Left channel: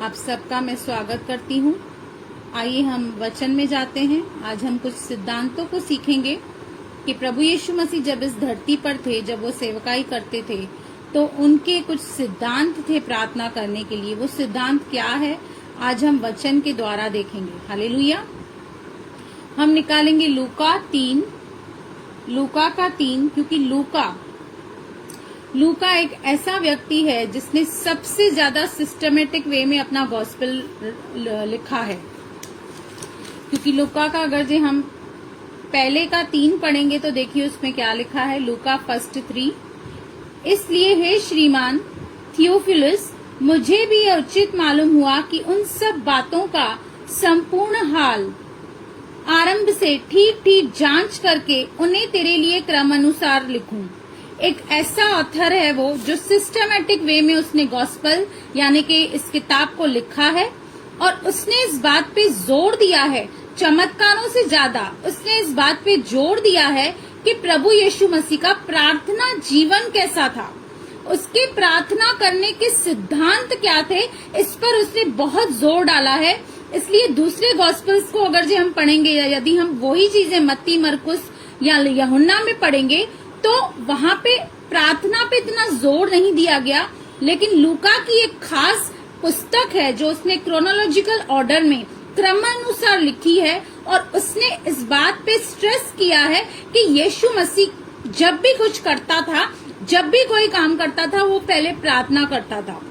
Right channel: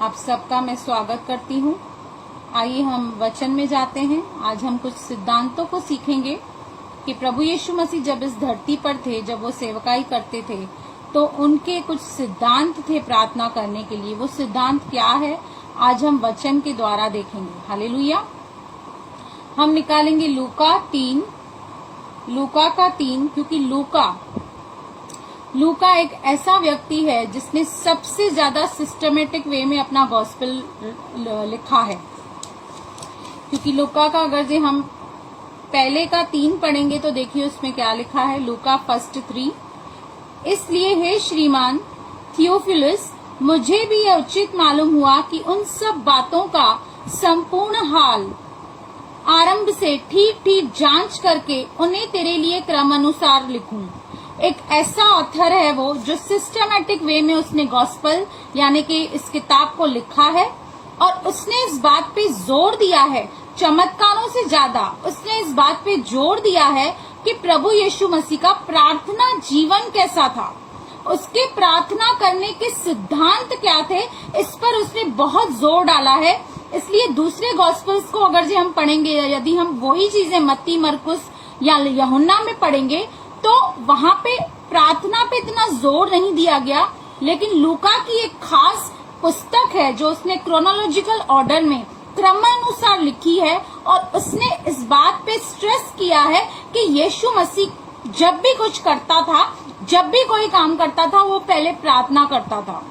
आप सबका मैं स्वागत करती हूँ। आइए हम वचन में जाते हैं। आज हम कुछ सिद्धांतों को सीखेंगे कि प्रभु यीशु मसीह जब इस धरती पर थे, जब वो सेवकाई करते थे, तो उनके कुछ सिद्धांत थे प्रार्थना करने के लिए। वो सिद्धांत क्या है, आज हम वचन के द्वारा देखेंगे। हालेलुया। हम निकालेंगे लूका का 3, क्योंकि लूका एक ऐसा व्यक्ति है जिसने सबसे ज्यादा सिस्टमेटिक वे में अपना गॉस्पेल लिखा है। क्योंकि लूका का अगर जो हम पहले का 3 पढ़ेंगे तो देखिए उसमें क्या लिखा है। लूका 1:3, इसलिए हे श्रीमान थियोफिलस, मुझे भी यह उचित मालूम हुआ कि उन सब बातों का संपूर्ण हाल आरंभ से ठीक ठीक जांच करके उन्हें तेरे लिए क्रमानुसार लिखूं। एक ऐसा ऑथर है वो जो सिस्टमैटिक वे में उसने गॉस्पेल यानी कि इस किताब को लिखा है, और उसने इस बात पे जोर दिया है, चमत्कारों से ज्यादा उसने इस बात पे जोर दिया है कि प्रभु यीशु मसीह का प्रार्थना जीवन कैसा था, उसके प्रार्थना करने के सिद्धांत क्या थे, इस पर उसने बहुत जोर डाला है। इसलिए दूसरे गॉस्पेल्स को अगर जो हम पढ़ेंगे, यदि हम वही चीजें मत्ती, मरकुस या यूहन्ना में पढ़ेंगे तो वहां पे प्रार्थना पे इतना जोर नहीं दिया गया। लेकिन लूका की एक खास पुस्तक है जो उसने क्रोनोलॉजिकल ऑर्डर में क्रमानुसार लिखी है, और उसने इस बात पे स्ट्रेस किया है कि यीशु मसीह जब भी कुछ करता था, जब भी कोई काम करता था, वो पहले प्रार्थना करता था।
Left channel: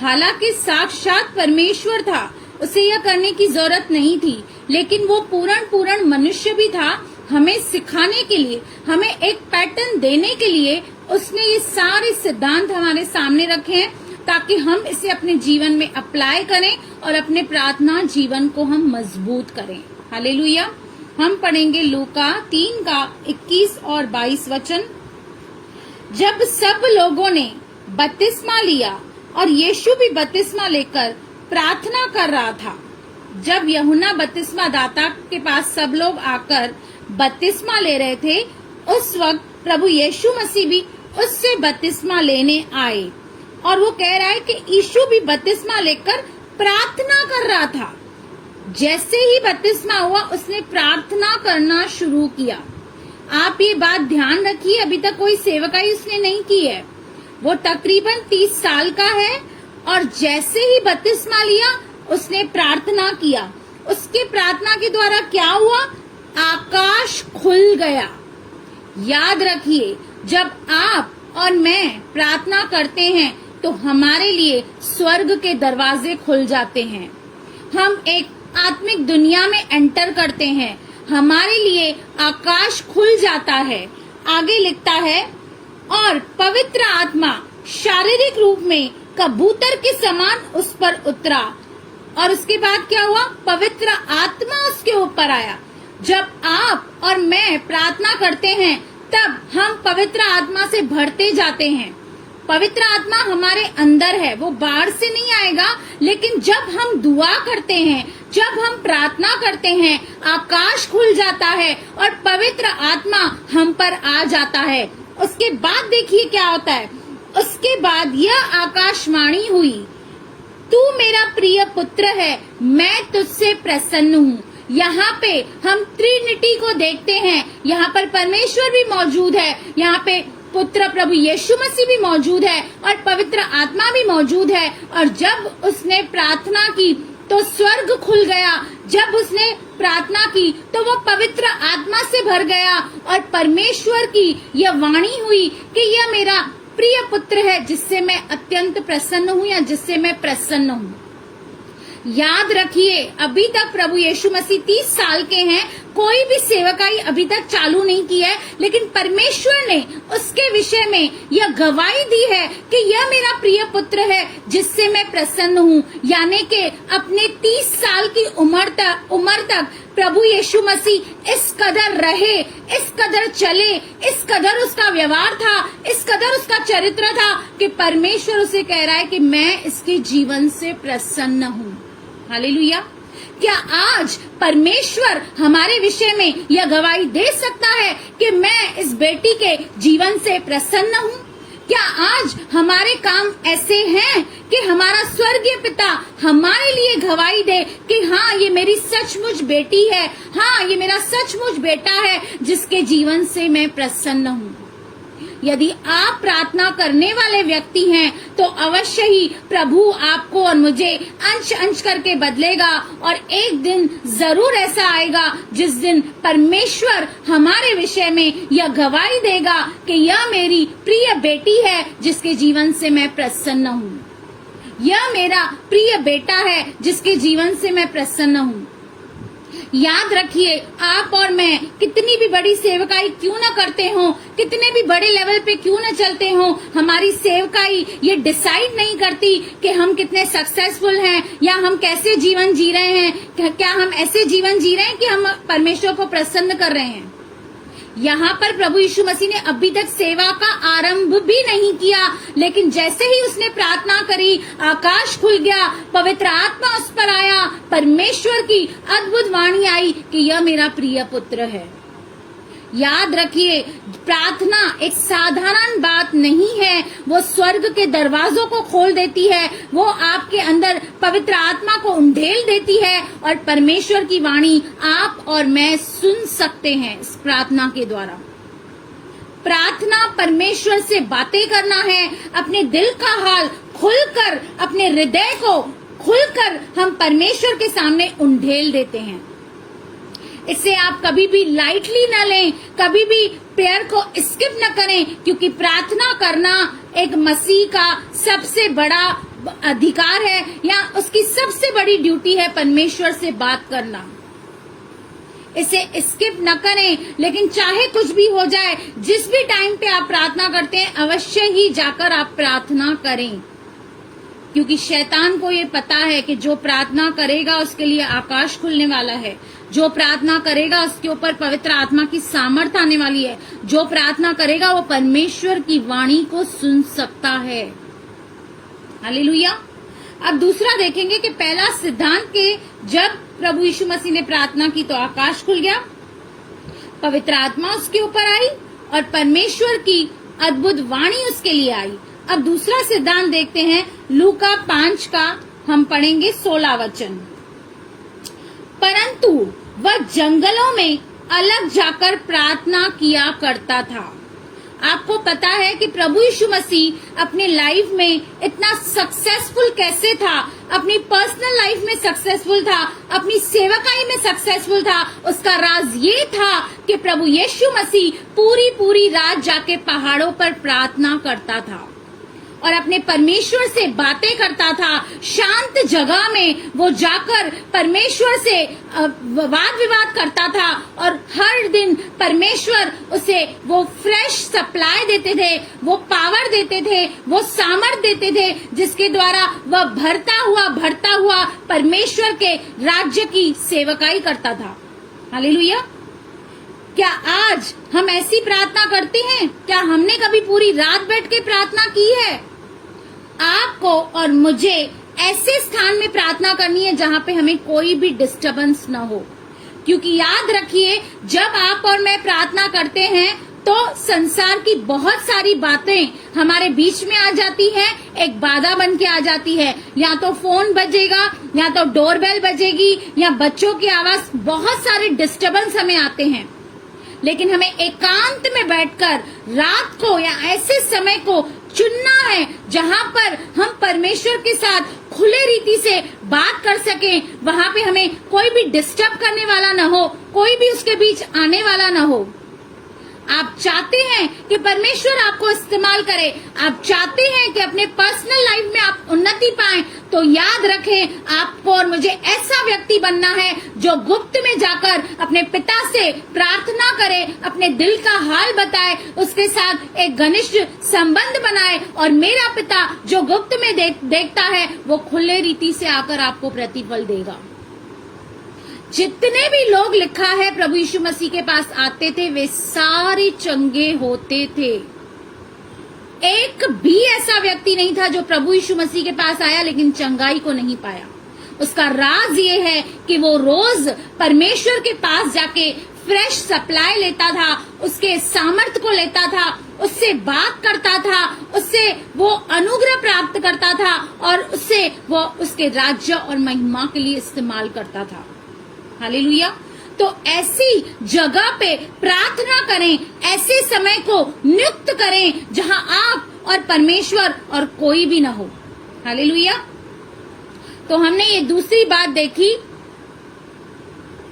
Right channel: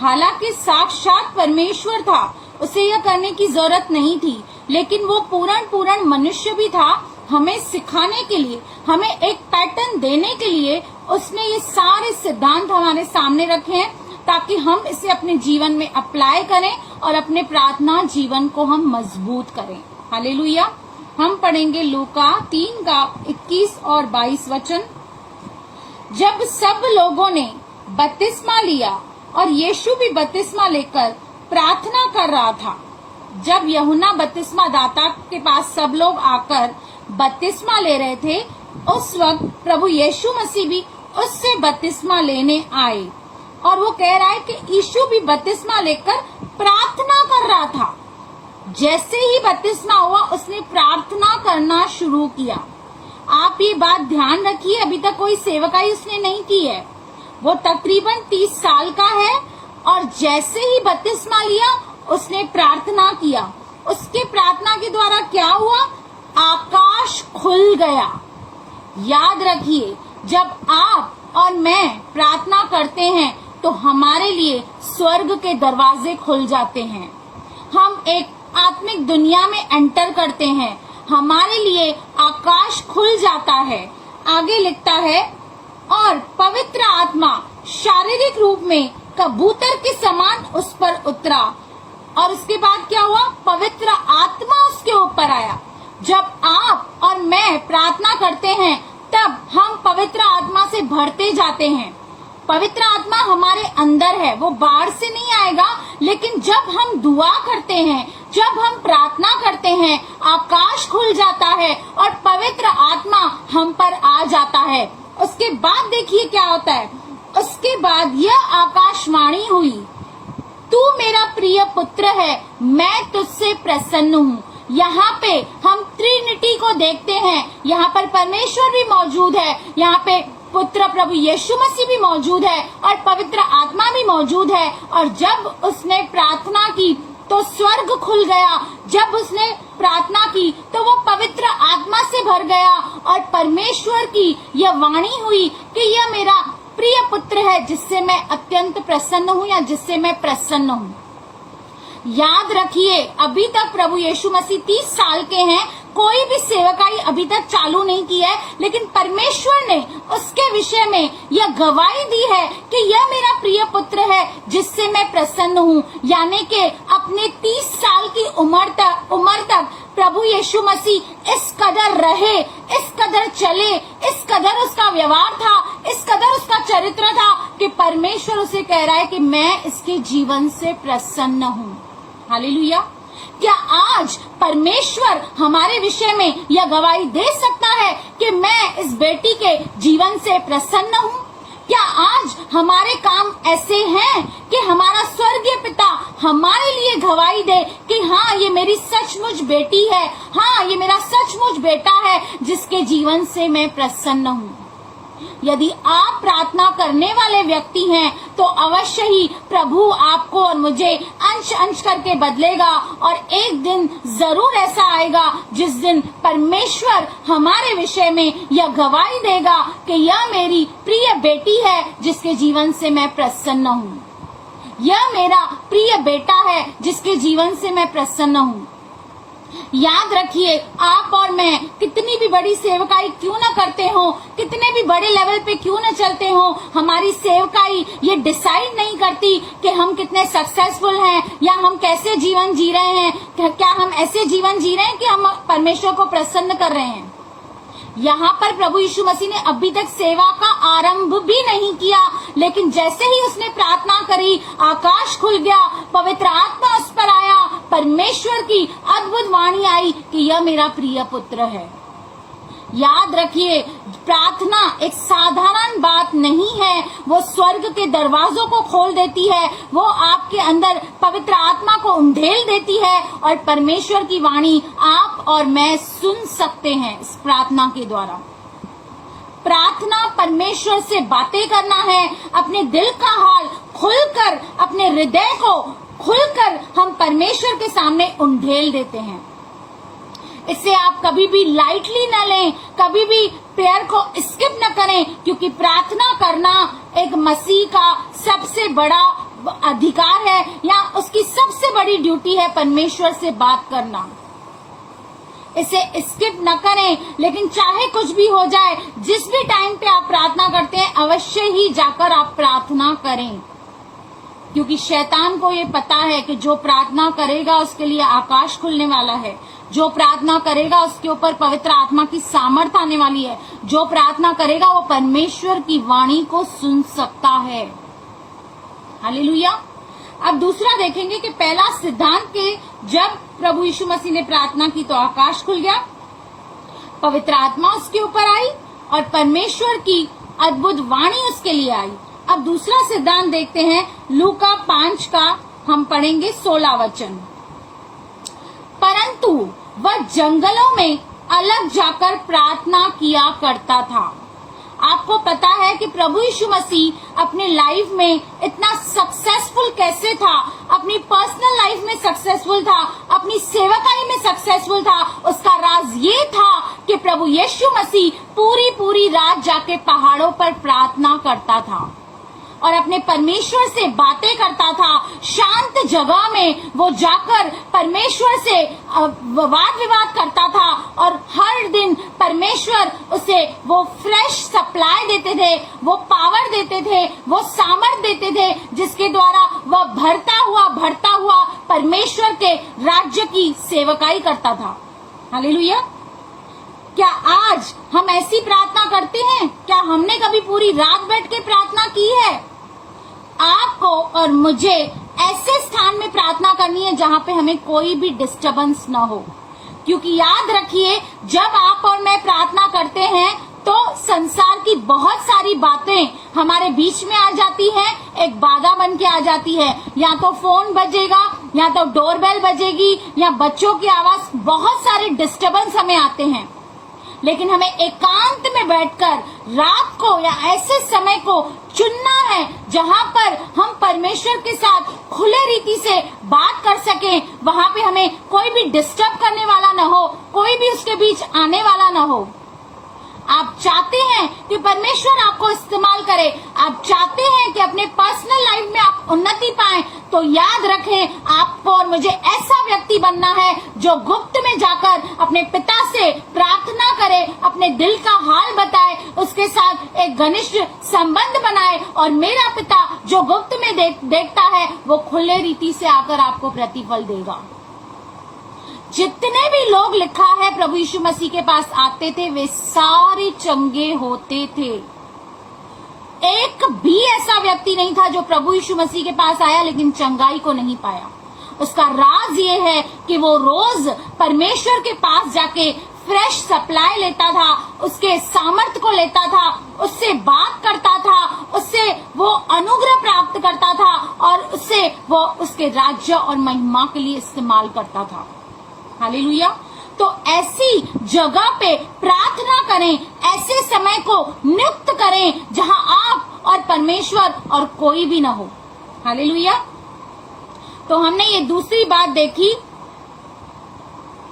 हालांकि साक्षात परमेश्वर था, उसे यह करने की जरूरत नहीं थी, लेकिन वो पूर्ण मनुष्य भी था। हमें सिखाने के लिए, हमें एक पैटर्न देने के लिए उसने ये सारे सिद्धांत हमारे सामने रखे हैं, ताकि हम इसे अपने जीवन में अप्लाई करें और अपने प्रार्थना जीवन को हम मजबूत करें। हालेलुया। हम पढ़ेंगे लूका 3 का 21 और 22 वचन। जब सब लोगों ने बपतिस्मा लिया और यीशु भी बपतिस्मा लेकर प्रार्थना कर रहा था। जब यूहन्ना बपतिस्मा दाता के पास सब लोग आकर बपतिस्मा ले रहे थे, उस वक्त प्रभु यीशु मसीह भी उससे बपतिस्मा लेने आए, और वो कह रहा है कि यीशु भी बपतिस्मा लेकर प्रार्थना कर रहा था। जैसे ही बपतिस्मा हुआ उसने प्रार्थना करना शुरू किया। आप ये बात ध्यान रखिए, अभी तक कोई सेवकाई उसने नहीं की है। वो तकरीबन 30 साल का है, और जैसे ही बपतिस्मा लिया उसने प्रार्थना किया। उसके प्रार्थना के द्वारा क्या हुआ? आकाश खुल गया। याद रखिए, जब आप और मैं प्रार्थना करते हैं तो हमारे लिए स्वर्ग के दरवाजे खुल जाते हैं। हम एक आत्मिक दुनिया में एंटर करते हैं, हमारे लिए आकाश खुल जाता है। आगे लिखता है, और पवित्र आत्मा शारीरिक रूप में कबूतर के समान उस पर उतरा। और उसके बाद क्या हुआ? पवित्र आत्मा उसके ऊपर आया। जब आप और मैं प्रार्थना करते हैं तब हम पवित्र आत्मा से भरते जाते हैं। पवित्र आत्मा हमारे अंदर है, वो बाहर से नहीं आएगा, लेकिन जब हम दुआ करते हैं, जब हम प्रार्थना करते हैं, आकाश खुल जाता है और पवित्र आत्मा हम पर आ जाता है। उसके बाद देखिए क्या होता है। उसके बाद यह आकाशवाणी हुई, तू मेरा प्रिय पुत्र है, मैं तुझसे प्रसन्न हूँ। यहाँ पे हम ट्रिनिटी को देखते हैं। यहाँ पर परमेश्वर भी मौजूद है, यहाँ पे पुत्र प्रभु यीशु मसीह भी मौजूद है, और पवित्र आत्मा भी मौजूद है। और जब उसने प्रार्थना की तो स्वर्ग खुल गया। जब उसने प्रार्थना की तो वो पवित्र आत्मा से भर गया, और परमेश्वर की यह वाणी हुई कि यह मेरा प्रिय पुत्र है, जिससे मैं अत्यंत प्रसन्न हूँ, या जिससे मैं प्रसन्न हूँ। याद रखिए, अभी तक प्रभु यीशु मसीह 30 साल के हैं, कोई भी सेवकाई अभी तक चालू नहीं की है, लेकिन परमेश्वर ने उसके विषय में यह गवाही दी है कि यह मेरा प्रिय पुत्र है, जिससे मैं प्रसन्न हूँ। यानी कि अपने 30 साल की उम्र तक प्रभु यीशु मसीह इस कदर रहे, इस कदर चले, इस कदर उसका व्यवहार था, इस कदर उसका चरित्र था कि परमेश्वर उसे कह रहा है कि मैं इसके जीवन से प्रसन्न हूँ। हालेलुया। क्या आज परमेश्वर हमारे विषय में यह गवाही दे सकता है कि मैं इस बेटी के जीवन से प्रसन्न हूँ? क्या आज हमारे काम ऐसे हैं कि हमारा स्वर्गीय पिता हमारे लिए गवाही दे कि हाँ ये मेरी सचमुच बेटी है, हाँ ये मेरा सचमुच बेटा है जिसके जीवन से मैं प्रसन्न हूँ। यदि आप प्रार्थना करने वाले व्यक्ति हैं तो अवश्य ही प्रभु आपको और मुझे अंश अंश करके बदलेगा और एक दिन जरूर ऐसा आएगा जिस दिन परमेश्वर हमारे विषय में यह गवाही देगा कि यह मेरी प्रिय बेटी है जिसके जीवन से मैं प्रसन्न हूँ, यह मेरा प्रिय बेटा है जिसके जीवन से मैं प्रसन्न हूँ। याद रखिए, आप और मैं कितनी भी बड़ी सेवकाई क्यों न करते हो, कितने भी बड़े लेवल पे क्यों न चलते हो, हमारी सेवकाई ये डिसाइड नहीं करती कि हम कितने सक्सेसफुल हैं या हम कैसे जीवन जी रहे हैं। क्या हम ऐसे जीवन जी रहे हैं कि हम परमेश्वर को प्रसन्न कर रहे हैं। यहाँ पर प्रभु यीशु मसीह ने अभी तक सेवा का आरंभ भी नहीं किया, लेकिन जैसे ही उसने प्रार्थना करी, आकाश खुल गया, पवित्र आत्मा उस पर आया, परमेश्वर की अद्भुत वाणी आई कि यह मेरा प्रिय पुत्र है। याद रखिए, प्रार्थना एक साधारण बात नहीं है, वो स्वर्ग के दरवाजों को खोल देती है, वो आपके अंदर पवित्र आत्मा को उंडेल देती है और परमेश्वर की वाणी आप और मैं सुन सकते हैं इस प्रार्थना के द्वारा। प्रार्थना परमेश्वर से बातें करना है, अपने दिल का हाल खुलकर, अपने हृदय को खुलकर हम परमेश्वर के सामने उंडेल देते हैं। इसे आप कभी भी लाइटली न लें, कभी भी प्रेयर को स्किप न करें, क्योंकि प्रार्थना करना एक मसीह का सबसे बड़ा अधिकार है या उसकी सबसे बड़ी ड्यूटी है, परमेश्वर से बात करना। इसे स्किप न करें, लेकिन चाहे कुछ भी हो जाए, जिस भी टाइम पे आप प्रार्थना करते हैं अवश्य ही जाकर आप प्रार्थना करें, क्योंकि शैतान को ये पता है कि जो प्रार्थना करेगा उसके लिए आकाश खुलने वाला है, जो प्रार्थना करेगा उसके ऊपर पवित्र आत्मा की सामर्थ्य आने वाली है, जो प्रार्थना करेगा वो परमेश्वर की वाणी को सुन सकता है। हालेलुया। अब दूसरा देखेंगे कि पहला सिद्धांत के जब प्रभु यीशु मसीह ने प्रार्थना की तो आकाश खुल गया, पवित्र आत्मा उसके ऊपर आई और परमेश्वर की अद्भुत वाणी उसके लिए आई। अब दूसरा सिद्धांत देखते हैं, लूका 5 का हम पढ़ेंगे 16 वचन। परंतु वह जंगलों में अलग जाकर प्रार्थना किया करता था। आपको पता है कि प्रभु यीशु मसीह अपने लाइफ में इतना सक्सेसफुल कैसे था, अपनी पर्सनल लाइफ में सक्सेसफुल था, अपनी सेवकाई में सक्सेसफुल था। उसका राज ये था कि प्रभु यीशु मसीह पूरी रात जाके पहाड़ों पर प्रार्थना करता था और अपने परमेश्वर से बातें करता था। शांत जगह में वो जाकर परमेश्वर से वाद विवाद करता था और हर दिन परमेश्वर उसे वो फ्रेश सप्लाई देते थे, वो पावर देते थे, वो सामर्थ देते थे, जिसके द्वारा वह बढ़ता हुआ परमेश्वर के राज्य की सेवकाई करता था। हालेलुया। क्या आज हम ऐसी प्रार्थना करते हैं? क्या हमने कभी पूरी रात बैठ के प्रार्थना की है? आपको और मुझे ऐसे स्थान में प्रार्थना करनी है जहां पे हमें कोई भी डिस्टरबेंस ना हो, क्योंकि याद रखिए, जब आप और मैं प्रार्थना करते हैं तो संसार की बहुत सारी बातें हमारे बीच में आ जाती हैं, एक बाधा बन के आ जाती है। या तो फोन बजेगा, या तो डोरबेल बजेगी, या बच्चों की आवाज, बहुत सारे डिस्टरबेंस हमें आते हैं। लेकिन हमें एकांत में बैठकर रात को या ऐसे समय को चुनना है जहां पर हम परमेश्वर के साथ खुले रीति से बात कर सकें, वहां पे हमें कोई भी डिस्टर्ब करने वाला न हो, कोई भी उसके बीच आने वाला न हो। आप चाहते हैं कि परमेश्वर आपको इस्तेमाल करे, आप चाहते हैं कि अपने पर्सनल लाइफ में आप उन्नति पाएं, तो याद रखें, आपको और मुझे ऐसा व्यक्ति बनना है जो गुप्त में जाकर अपने पिता से प्रार्थना करे, अपने दिल का हाल बताए, उसके साथ एक घनिष्ठ संबंध बनाए, और मेरा पिता जो गुप्त में देखता है वो खुले रीति से आकर आपको प्रतिफल देगा। जितने भी लोग लिखा है प्रभु यीशु मसीह के पास आते थे, वे सारे चंगे होते थे। एक भी ऐसा व्यक्ति नहीं था जो प्रभु यीशु मसीह के पास आया लेकिन चंगाई को नहीं पाया। उसका राज ये है कि वो रोज परमेश्वर के पास जाके फ्रेश सप्लाई लेता था, उसके सामर्थ को लेता था, उससे बात करता था, उससे वो अनुग्रह प्राप्त करता था और उससे वो उसके राज्य और महिमा के लिए इस्तेमाल करता था। हालेलुया। तो ऐसी जगह पे प्रार्थना करें, ऐसे समय को नियुक्त करें जहां आप और परमेश्वर और कोई भी ना हो। हालेलुया। तो हमने ये दूसरी बात देखी,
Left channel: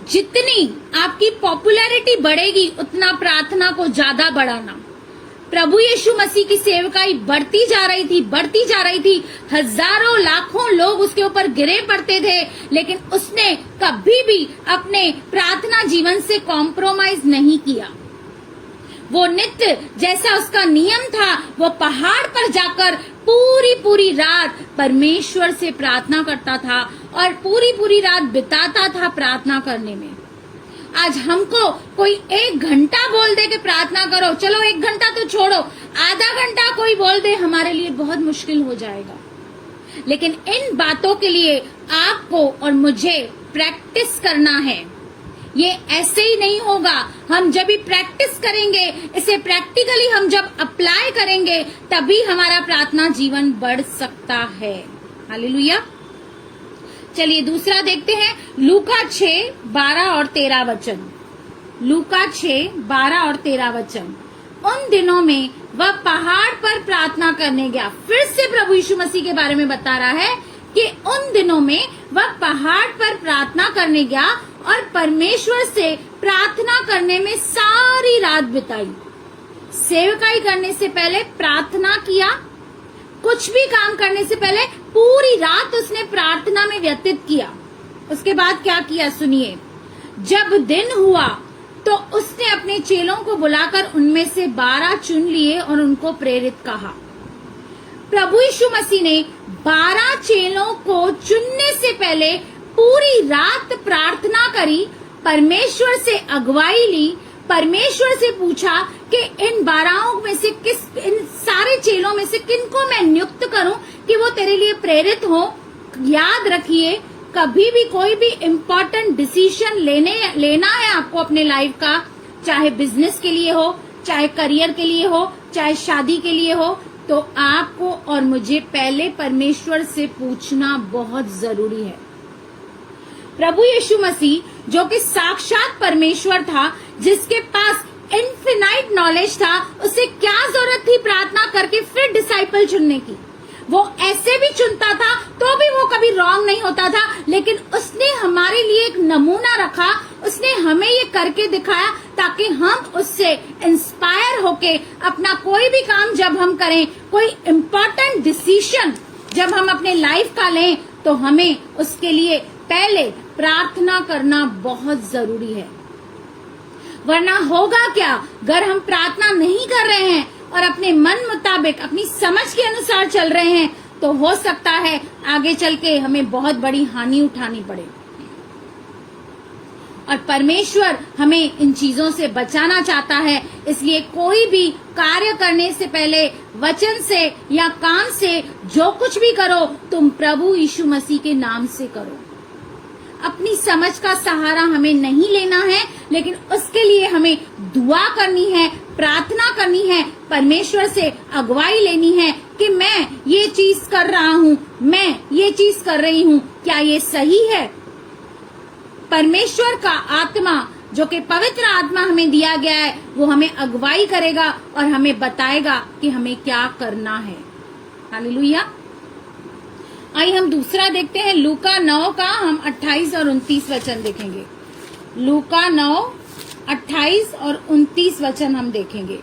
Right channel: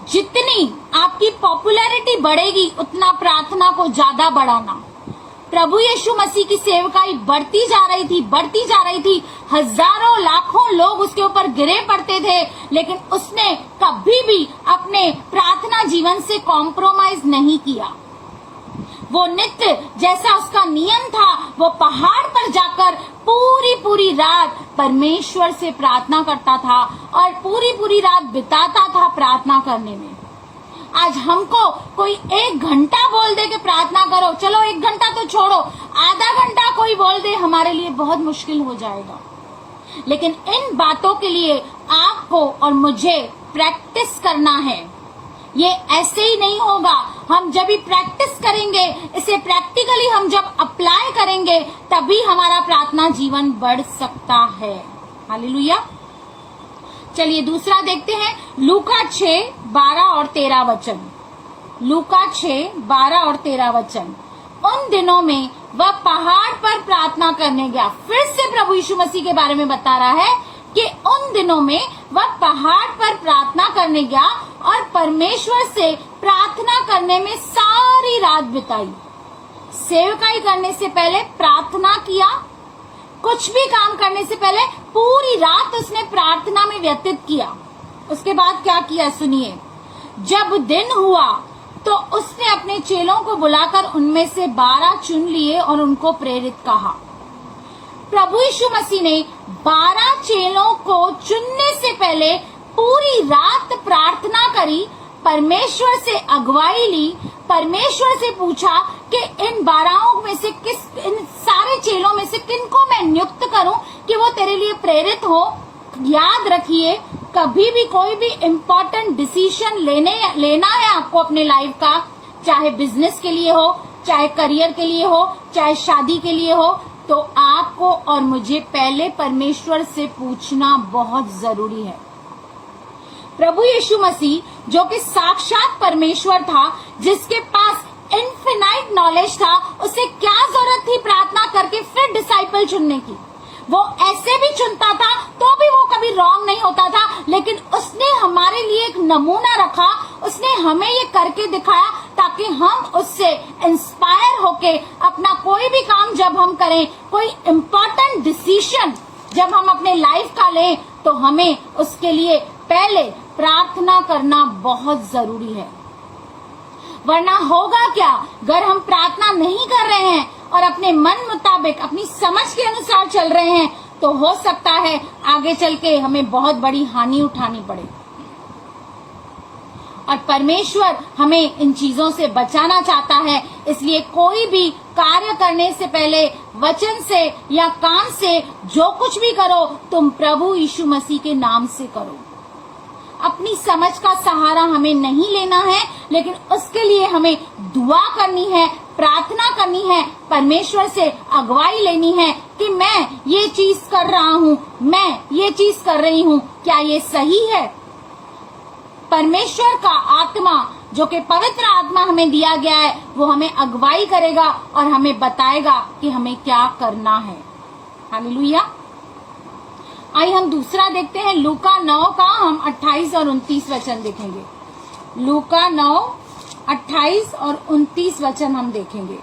जितनी आपकी पॉपुलैरिटी बढ़ेगी उतना प्रार्थना को ज्यादा बढ़ाना। प्रभु यीशु मसीह की सेवकाई बढ़ती जा रही थी। हजारों लाखों लोग उसके ऊपर गिरे पड़ते थे, लेकिन उसने कभी भी अपने प्रार्थना जीवन से कॉम्प्रोमाइज नहीं किया। वो नित्य, जैसा उसका नियम था, वो पहाड़ पर जाकर पूरी रात परमेश्वर से प्रार्थना करता था और पूरी रात बिताता था प्रार्थना करने में। आज हमको कोई 1 घंटा बोल दे कि प्रार्थना करो, चलो 1 घंटा तो छोड़ो, आधा घंटा कोई बोल दे, हमारे लिए बहुत मुश्किल हो जाएगा। लेकिन इन बातों के लिए आपको और मुझे प्रैक्टिस करना है। ये ऐसे ही नहीं होगा। हम जब भी प्रैक्टिस करेंगे, इसे प्रैक्टिकली हम जब अप्लाई करेंगे, तभी हमारा प्रार्थना जीवन बढ़ सकता है। हालेलुया। चलिए दूसरा देखते हैं, लूका 6:12 और 13 वचन। लूका 6:12 और 13 वचन। उन दिनों में वह पहाड़ पर प्रार्थना करने गया। फिर से प्रभु यीशु मसीह के बारे में बता रहा है कि उन दिनों में वह पहाड़ पर प्रार्थना करने गया और परमेश्वर से प्रार्थना करने में सारी रात बिताई। सेवकाई करने से पहले प्रार्थना किया, कुछ भी काम करने से पहले पूरी रात उसने प्रार्थना में व्यतीत किया। उसके बाद क्या किया सुनिए। जब दिन हुआ तो उसने अपने चेलों को बुलाकर उनमें से 12 चुन लिए और उनको प्रेरित कहा। प्रभु यीशु मसीह ने 12 चेलों को चुनने से पहले पूरी रात प्रार्थना करी, परमेश्वर से अगुवाई ली, परमेश्वर से पूछा कि इन 12 में से इन सारे चेलों में से किनको मैं नियुक्त करूं कि वो तेरे लिए प्रेरित हो। याद रखिए, कभी भी कोई भी इम्पोर्टेंट डिसीजन लेना है आपको अपने लाइफ का, चाहे बिजनेस के लिए हो, चाहे करियर के लिए हो, चाहे शादी के लिए हो, तो आपको और मुझे पहले परमेश्वर से पूछना बहुत जरूरी है। प्रभु यीशु मसीह जो कि साक्षात परमेश्वर था, जिसके पास इनफिनाइट नॉलेज था, उसे क्या जरूरत थी प्रार्थना करके फिर डिसाइपल चुनने की। वो ऐसे भी चुनता था तो भी वो कभी रॉन्ग नहीं होता था, लेकिन उसने हमारे लिए एक नमूना रखा, उसने हमें ये करके दिखाया ताकि हम उससे इंस्पायर होके अपना कोई भी काम जब हम करें, कोई इम्पोर्टेंट डिसीजन जब हम अपने लाइफ का लें, तो हमें उसके लिए पहले प्रार्थना करना बहुत जरूरी है। वरना होगा क्या, अगर हम प्रार्थना नहीं कर रहे हैं और अपने मन मुताबिक अपनी समझ के अनुसार चल रहे हैं, तो हो सकता है आगे चल के हमें बहुत बड़ी हानि उठानी पड़े। और परमेश्वर हमें इन चीजों से बचाना चाहता है। इसलिए कोई भी कार्य करने से पहले वचन से या काम से जो कुछ भी करो, तुम प्रभु यीशु मसीह के नाम से करो। अपनी समझ का सहारा हमें नहीं लेना है, लेकिन उसके लिए हमें दुआ करनी है, प्रार्थना करनी है, परमेश्वर से अगुवाई लेनी है कि मैं ये चीज कर रहा हूँ, मैं ये चीज कर रही हूँ, क्या ये सही है। परमेश्वर का आत्मा जो कि पवित्र आत्मा हमें दिया गया है, वो हमें अगुवाई करेगा और हमें बताएगा कि हमें क्या करना है। हालेलुया। आइए हम दूसरा देखते हैं, लूका 9 का हम 28 और 29 वचन देखेंगे। लूका 9, 28 और 29 वचन हम देखेंगे।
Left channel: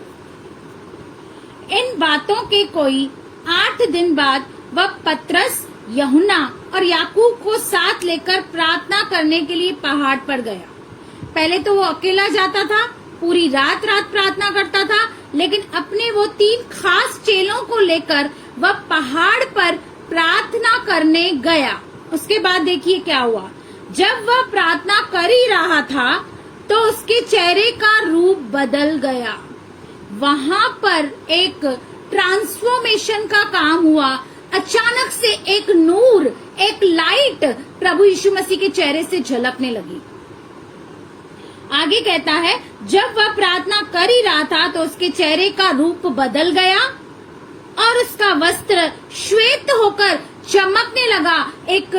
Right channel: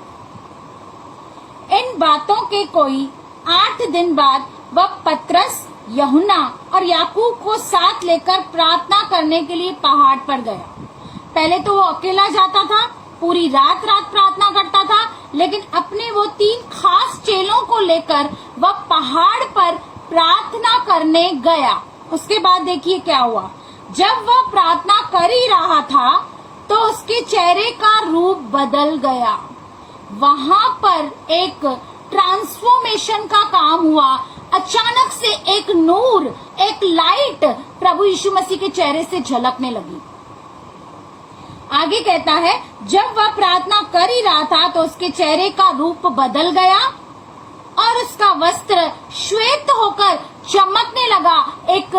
इन बातों के कोई 8 दिन बाद वह पतरस, यूहन्ना और याकूब को साथ लेकर प्रार्थना करने के लिए पहाड़ पर गया। पहले तो वो अकेला जाता था, पूरी रात प्रार्थना करता था, लेकिन अपने वो 3 खास चेलों को लेकर वह पहाड़ पर प्रार्थना करने गया। उसके बाद देखिए क्या हुआ। जब वह प्रार्थना कर ही रहा था तो उसके चेहरे का रूप बदल गया। वहां पर एक ट्रांसफॉर्मेशन का काम हुआ। अचानक से एक नूर, एक लाइट प्रभु यीशु मसीह के चेहरे से झलकने लगी। आगे कहता है, जब वह प्रार्थना कर ही रहा था तो उसके चेहरे का रूप बदल गया और उसका वस्त्र श्वेत होकर चमकने लगा। एक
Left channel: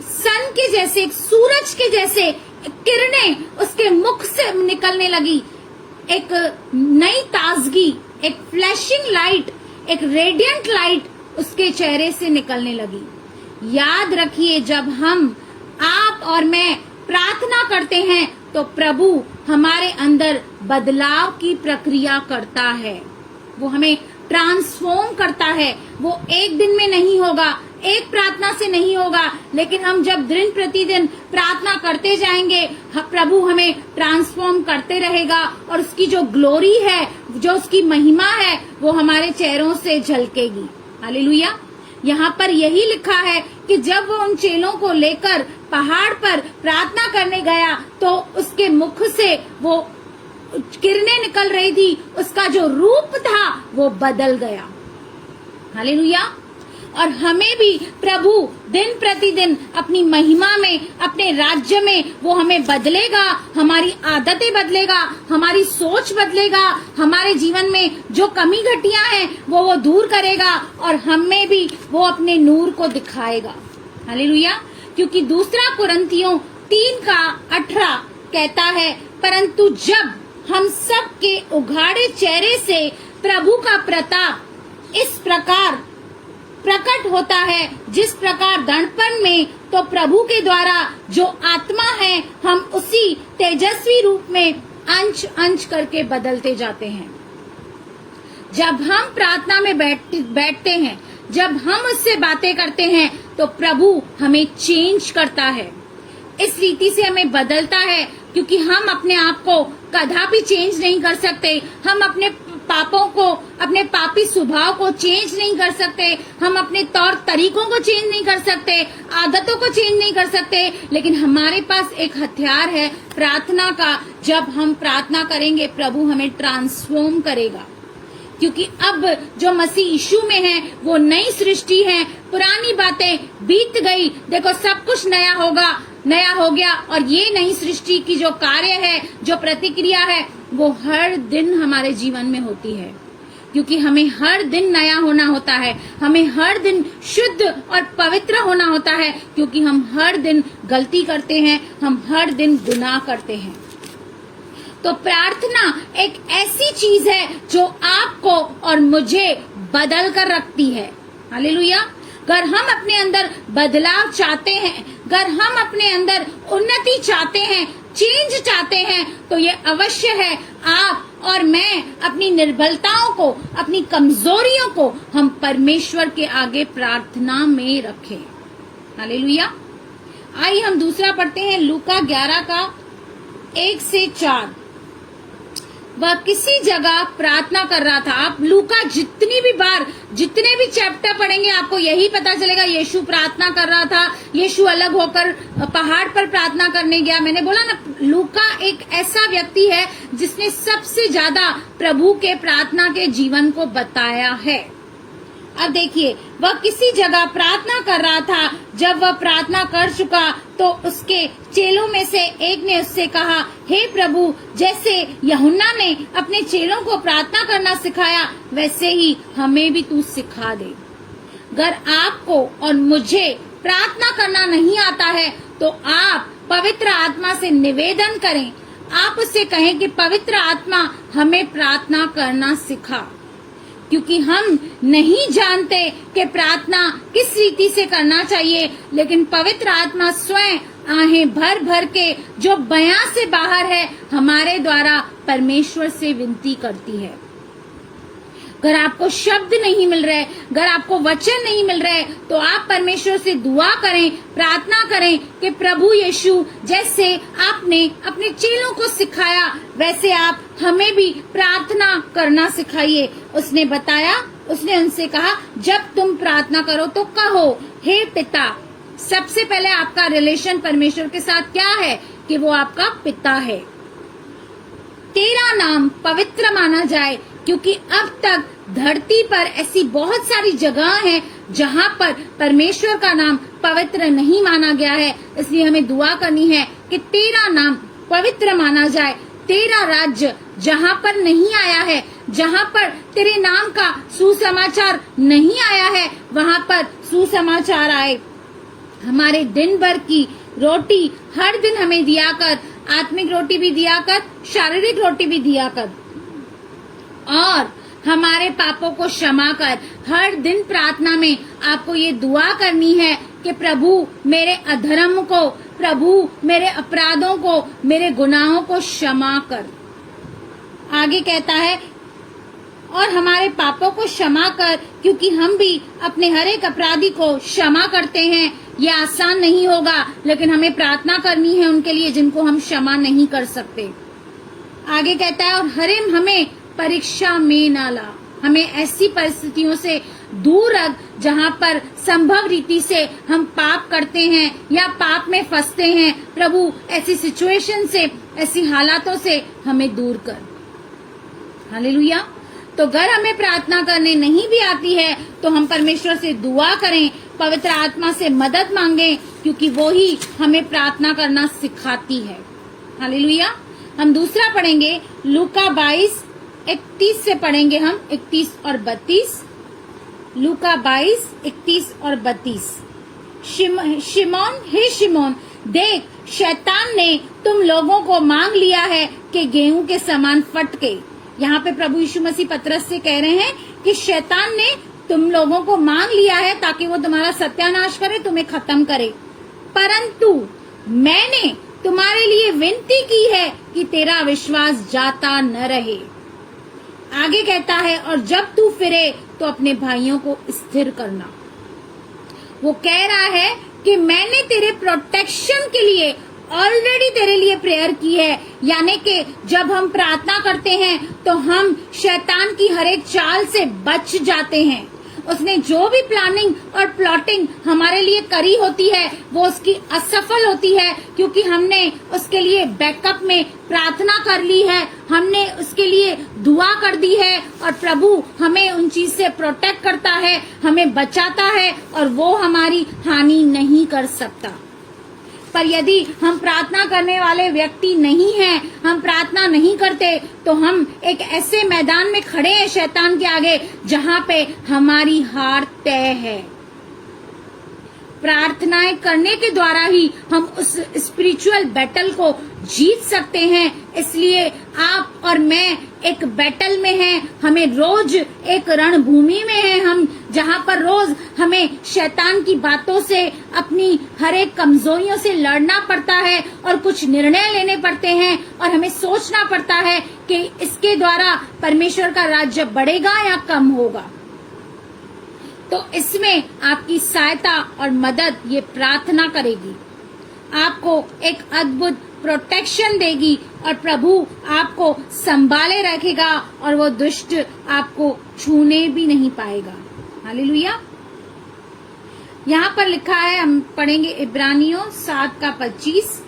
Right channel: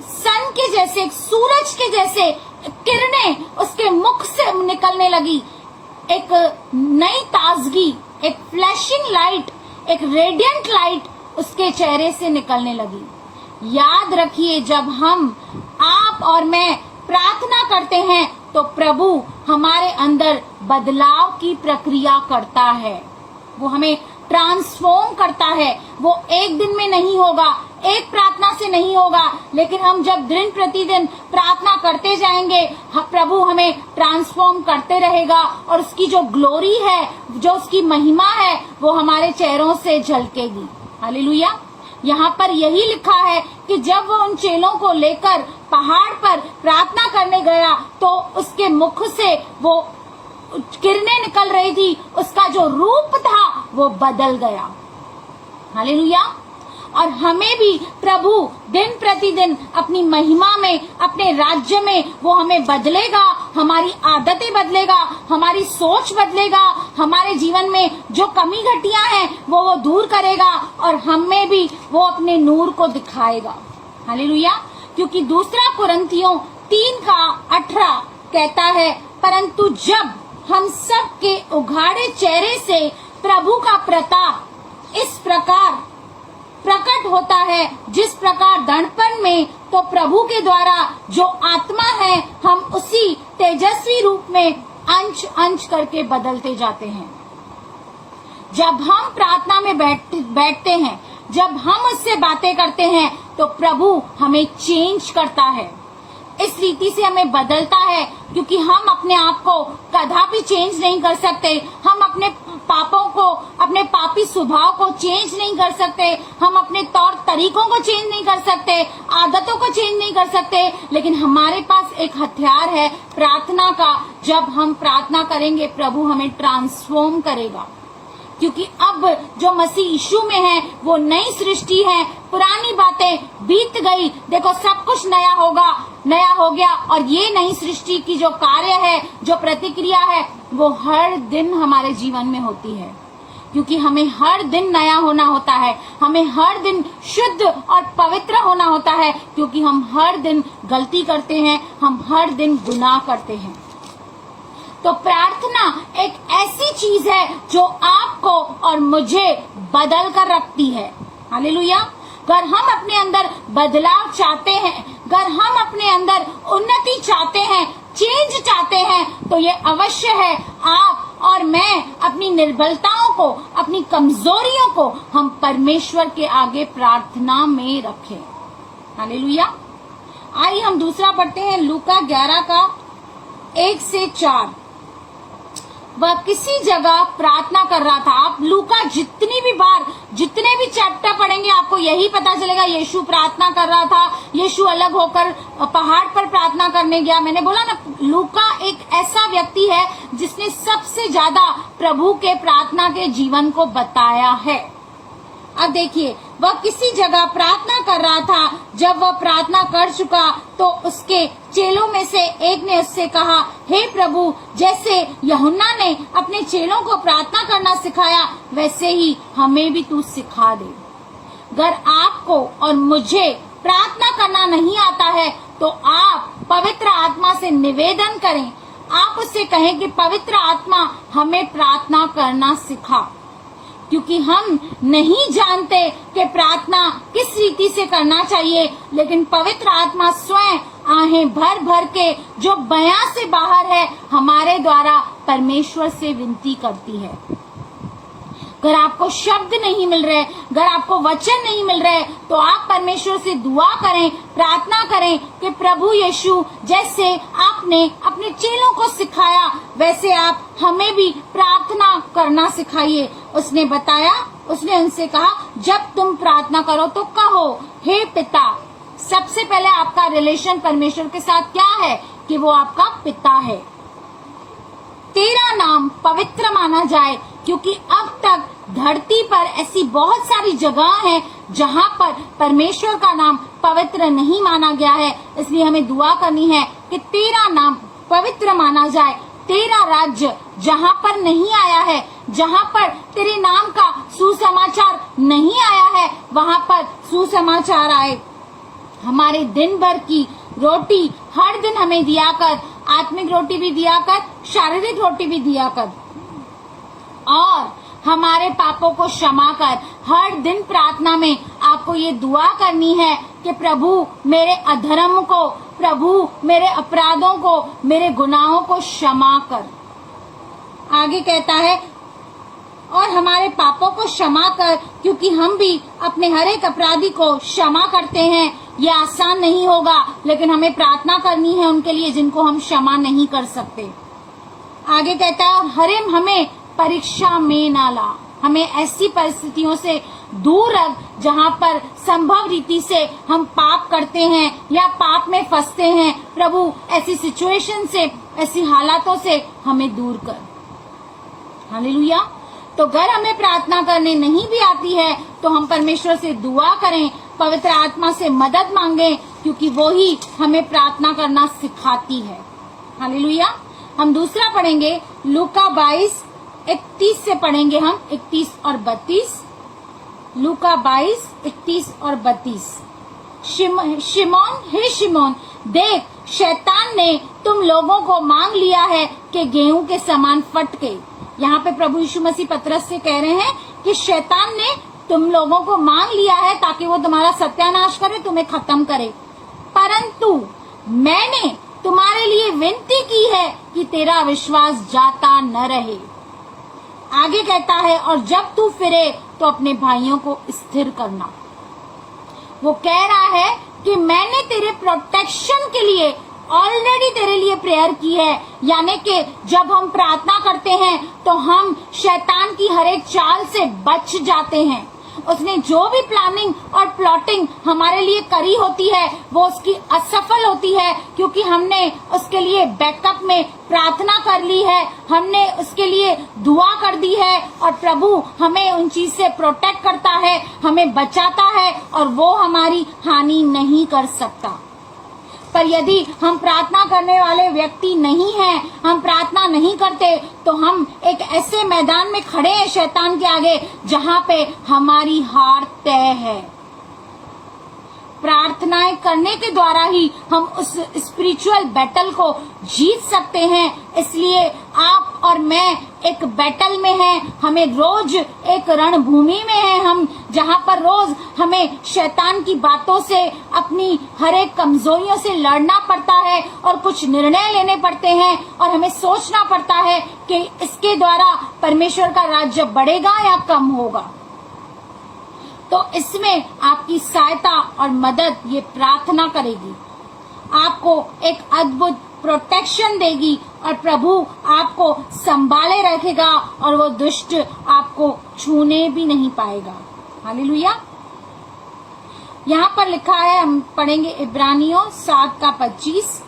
सन के जैसे, एक सूरज के जैसे किरणें उसके मुख से निकलने लगी। एक नई ताजगी, एक फ्लैशिंग लाइट, एक रेडियंट लाइट उसके चेहरे से निकलने लगी। याद रखिए, जब हम, आप और मैं प्रार्थना करते हैं तो प्रभु हमारे अंदर बदलाव की प्रक्रिया करता है। वो हमें ट्रांसफॉर्म करता है। वो एक दिन में नहीं होगा, एक प्रार्थना से नहीं होगा, लेकिन हम जब दिन प्रतिदिन प्रार्थना करते जाएंगे, प्रभु हमें ट्रांसफॉर्म करते रहेगा और उसकी जो ग्लोरी है, जो उसकी महिमा है, वो हमारे चेहरों से झलकेगी। हालेलुया। यहाँ पर यही लिखा है कि जब वो उन चेलों को लेकर पहाड़ पर प्रार्थना करने गया तो उसके मुख से वो किरणें निकल रही थी, उसका जो रूप था वो बदल गया। हालेलुया। और हमें भी प्रभु दिन प्रतिदिन अपनी महिमा में, अपने राज्य में वो हमें बदलेगा, हमारी आदतें बदलेगा, हमारी सोच बदलेगा, हमारे जीवन में जो कमी घटियां हैं वो दूर करेगा और हमें भी वो अपने नूर को दिखाएगा। हालेलुया। क्योंकि दूसरा कुरिन्थियों 3:18 कहता है, परंतु जब हम सब के उघाड़े चेहरे से प्रभु का प्रताप इस प्रकार प्रकट होता है, जिस प्रकार दर्पण में, तो प्रभु के द्वारा जो आत्मा है, हम उसी तेजस्वी रूप में अंश अंश करके बदलते जाते हैं। जब हम प्रार्थना में बैठते हैं, जब हम उससे बातें करते हैं, तो प्रभु हमें चेंज करता है, इस रीति से हमें बदलता है। क्योंकि हम अपने आप को कदापि चेंज नहीं कर सकते, हम अपने पापों को, अपने पापी स्वभाव को चेंज नहीं कर सकते, हम अपने तौर तरीकों को चेंज नहीं कर सकते, आदतों को चेंज नहीं कर सकते, लेकिन हमारे पास एक हथियार है प्रार्थना का। जब हम प्रार्थना करेंगे, प्रभु हमें ट्रांसफॉर्म करेगा। क्योंकि अब जो मसीह यीशु में है वो नई सृष्टि है, पुरानी बातें बीत गई, देखो सब कुछ नया होगा, नया हो गया। और ये नई सृष्टि की जो कार्य है, जो प्रतिक्रिया है, वो हर दिन हमारे जीवन में होती है। क्योंकि हमें हर दिन नया होना होता है, हमें हर दिन शुद्ध और पवित्र होना होता है, क्योंकि हम हर दिन गलती करते हैं, हम हर दिन गुनाह करते हैं। तो प्रार्थना एक ऐसी चीज है जो आपको और मुझे बदल कर रखती है। हालेलुया। अगर हम अपने अंदर बदलाव चाहते हैं, अगर हम अपने अंदर उन्नति चाहते हैं, चेंज चाहते हैं, तो ये अवश्य है आप और मैं अपनी निर्बलताओं को, अपनी कमजोरियों को हम परमेश्वर के आगे प्रार्थना में रखें। हालेलुया। आइए हम दूसरा पढ़ते हैं, लूका 11:1-4। वह किसी जगह प्रार्थना कर रहा था। आप लूका जितनी भी बार, जितने भी चैप्टर पढ़ेंगे, आपको यही पता चलेगा यीशु प्रार्थना कर रहा था, यीशु अलग होकर पहाड़ पर प्रार्थना करने गया। मैंने बोला ना, लूका एक ऐसा व्यक्ति है जिसने सबसे ज्यादा प्रभु के प्रार्थना के जीवन को बताया है। अब देखिए, वह किसी जगह प्रार्थना कर रहा था। जब वह प्रार्थना कर चुका तो उसके चेलों में से एक ने उससे कहा, हे प्रभु, जैसे यूहन्ना ने अपने चेलों को प्रार्थना करना सिखाया, वैसे ही हमें भी तू सिखा दे। अगर आपको और मुझे प्रार्थना करना नहीं आता है तो आप पवित्र आत्मा से निवेदन करें। आप उससे कहें कि पवित्र आत्मा हमें प्रार्थना करना सिखा, क्योंकि हम नहीं जानते कि प्रार्थना किस रीति से करना चाहिए, लेकिन पवित्र आत्मा स्वयं आहें भर भर के, जो बयां से बाहर है, हमारे द्वारा परमेश्वर से विनती करती है। अगर आपको शब्द नहीं मिल रहे, अगर आपको वचन नहीं मिल रहे, तो आप परमेश्वर से दुआ करें, प्रार्थना करें कि प्रभु यीशु, जैसे आपने अपने चेलों को सिखाया, वैसे आप हमें भी प्रार्थना करना सिखाइए। उसने बताया, उसने उनसे कहा, जब तुम प्रार्थना करो तो कहो, हे पिता। सबसे पहले आपका रिलेशन परमेश्वर के साथ क्या है कि वो आपका पिता है। तेरा नाम पवित्र माना जाए, क्योंकि अब तक धरती पर ऐसी बहुत सारी जगह हैं जहां पर परमेश्वर का नाम पवित्र नहीं माना गया है। इसलिए हमें दुआ करनी है कि तेरा नाम पवित्र माना जाए। तेरा राज्य जहाँ पर नहीं आया है, जहाँ पर तेरे नाम का सुसमाचार नहीं आया है, वहाँ पर सुसमाचार आए। हमारे दिन भर की रोटी हर दिन हमें दिया कर, आत्मिक रोटी भी दिया कर, शारीरिक रोटी भी दिया कर, और हमारे पापों को क्षमा कर। हर दिन प्रार्थना में आपको ये दुआ करनी है कि प्रभु मेरे अधर्म को, प्रभु मेरे अपराधों को, मेरे गुनाहों को क्षमा कर। आगे कहता है, और हमारे पापों को क्षमा कर, क्योंकि हम भी अपने हर एक अपराधी को क्षमा करते हैं। ये आसान नहीं होगा, लेकिन हमें प्रार्थना करनी है उनके लिए जिनको हम क्षमा नहीं कर सकते। आगे कहता है, और हमें परीक्षा में ना ला। हमें ऐसी परिस्थितियों से दूर रख जहाँ पर संभव रीति से हम पाप करते हैं या पाप में फंसते हैं। प्रभु ऐसी सिचुएशन से, ऐसी हालातों से हमें दूर कर। हालेलुया। तो अगर हमें प्रार्थना करने नहीं भी आती है तो हम परमेश्वर से दुआ करें, पवित्र आत्मा से मदद मांगें, क्योंकि वो ही हमें प्रार्थना करना सिखाती है। हालेलुया। हम दूसरा पढ़ेंगे, लूका 22:31 से पढ़ेंगे हम 31 और 32। लूका 22:31 और 32। शिमोन, देख शैतान ने तुम लोगों को मांग लिया है कि गेहूं के समान फटके। यहाँ पे प्रभु यीशु मसीह पतरस से कह रहे हैं कि शैतान ने तुम लोगों को मांग लिया है ताकि वो तुम्हारा सत्यानाश करे, तुम्हें खत्म करे, परंतु मैंने तुम्हारे लिए विनती की है कि तेरा विश्वास जाता न रहे। आगे कहता है, और जब तू फिरे तो अपने भाइयों को स्थिर करना। वो कह रहा है कि मैंने तेरे प्रोटेक्शन के लिए ऑलरेडी तेरे लिए प्रेयर की है। यानी कि जब हम प्रार्थना करते हैं तो हम शैतान की हर एक चाल से बच जाते हैं। उसने जो भी प्लानिंग और प्लॉटिंग हमारे लिए करी होती है वो उसकी असफल होती है, क्योंकि हमने उसके लिए बैकअप में प्रार्थना कर ली है, हमने उसके लिए दुआ कर दी है, और प्रभु हमें उन चीज से प्रोटेक्ट करता है, हमें बचाता है, और वो हमारी हानि नहीं कर सकता। पर यदि हम प्रार्थना करने वाले व्यक्ति नहीं हैं, हम प्रार्थना नहीं करते, तो हम एक ऐसे मैदान में खड़े हैं शैतान के आगे जहां पे हमारी हार तय है। प्रार्थनाएं करने के द्वारा ही हम उस स्पिरिचुअल बैटल को जीत सकते हैं। इसलिए आप और मैं एक बैटल में हैं, हमें रोज एक रणभूमि में हैं हम, जहां पर रोज हमें शैतान की बातों से, अपनी हर एक कमजोरियों से लड़ना पड़ता है, और कुछ निर्णय लेने पड़ते हैं, और हमें सोचना पड़ता है कि इसके द्वारा परमेश्वर का राज्य बढ़ेगा या कम होगा। तो इसमें आपकी सहायता और मदद ये प्रार्थना करेगी, आपको एक अद्भुत प्रोटेक्शन देगी, और प्रभु आपको संभाले रखेगा, और वो दुष्ट आपको छूने भी नहीं पाएगा। हालेलुया। यहाँ पर लिखा है, हम पढ़ेंगे इब्रानियों 7:25।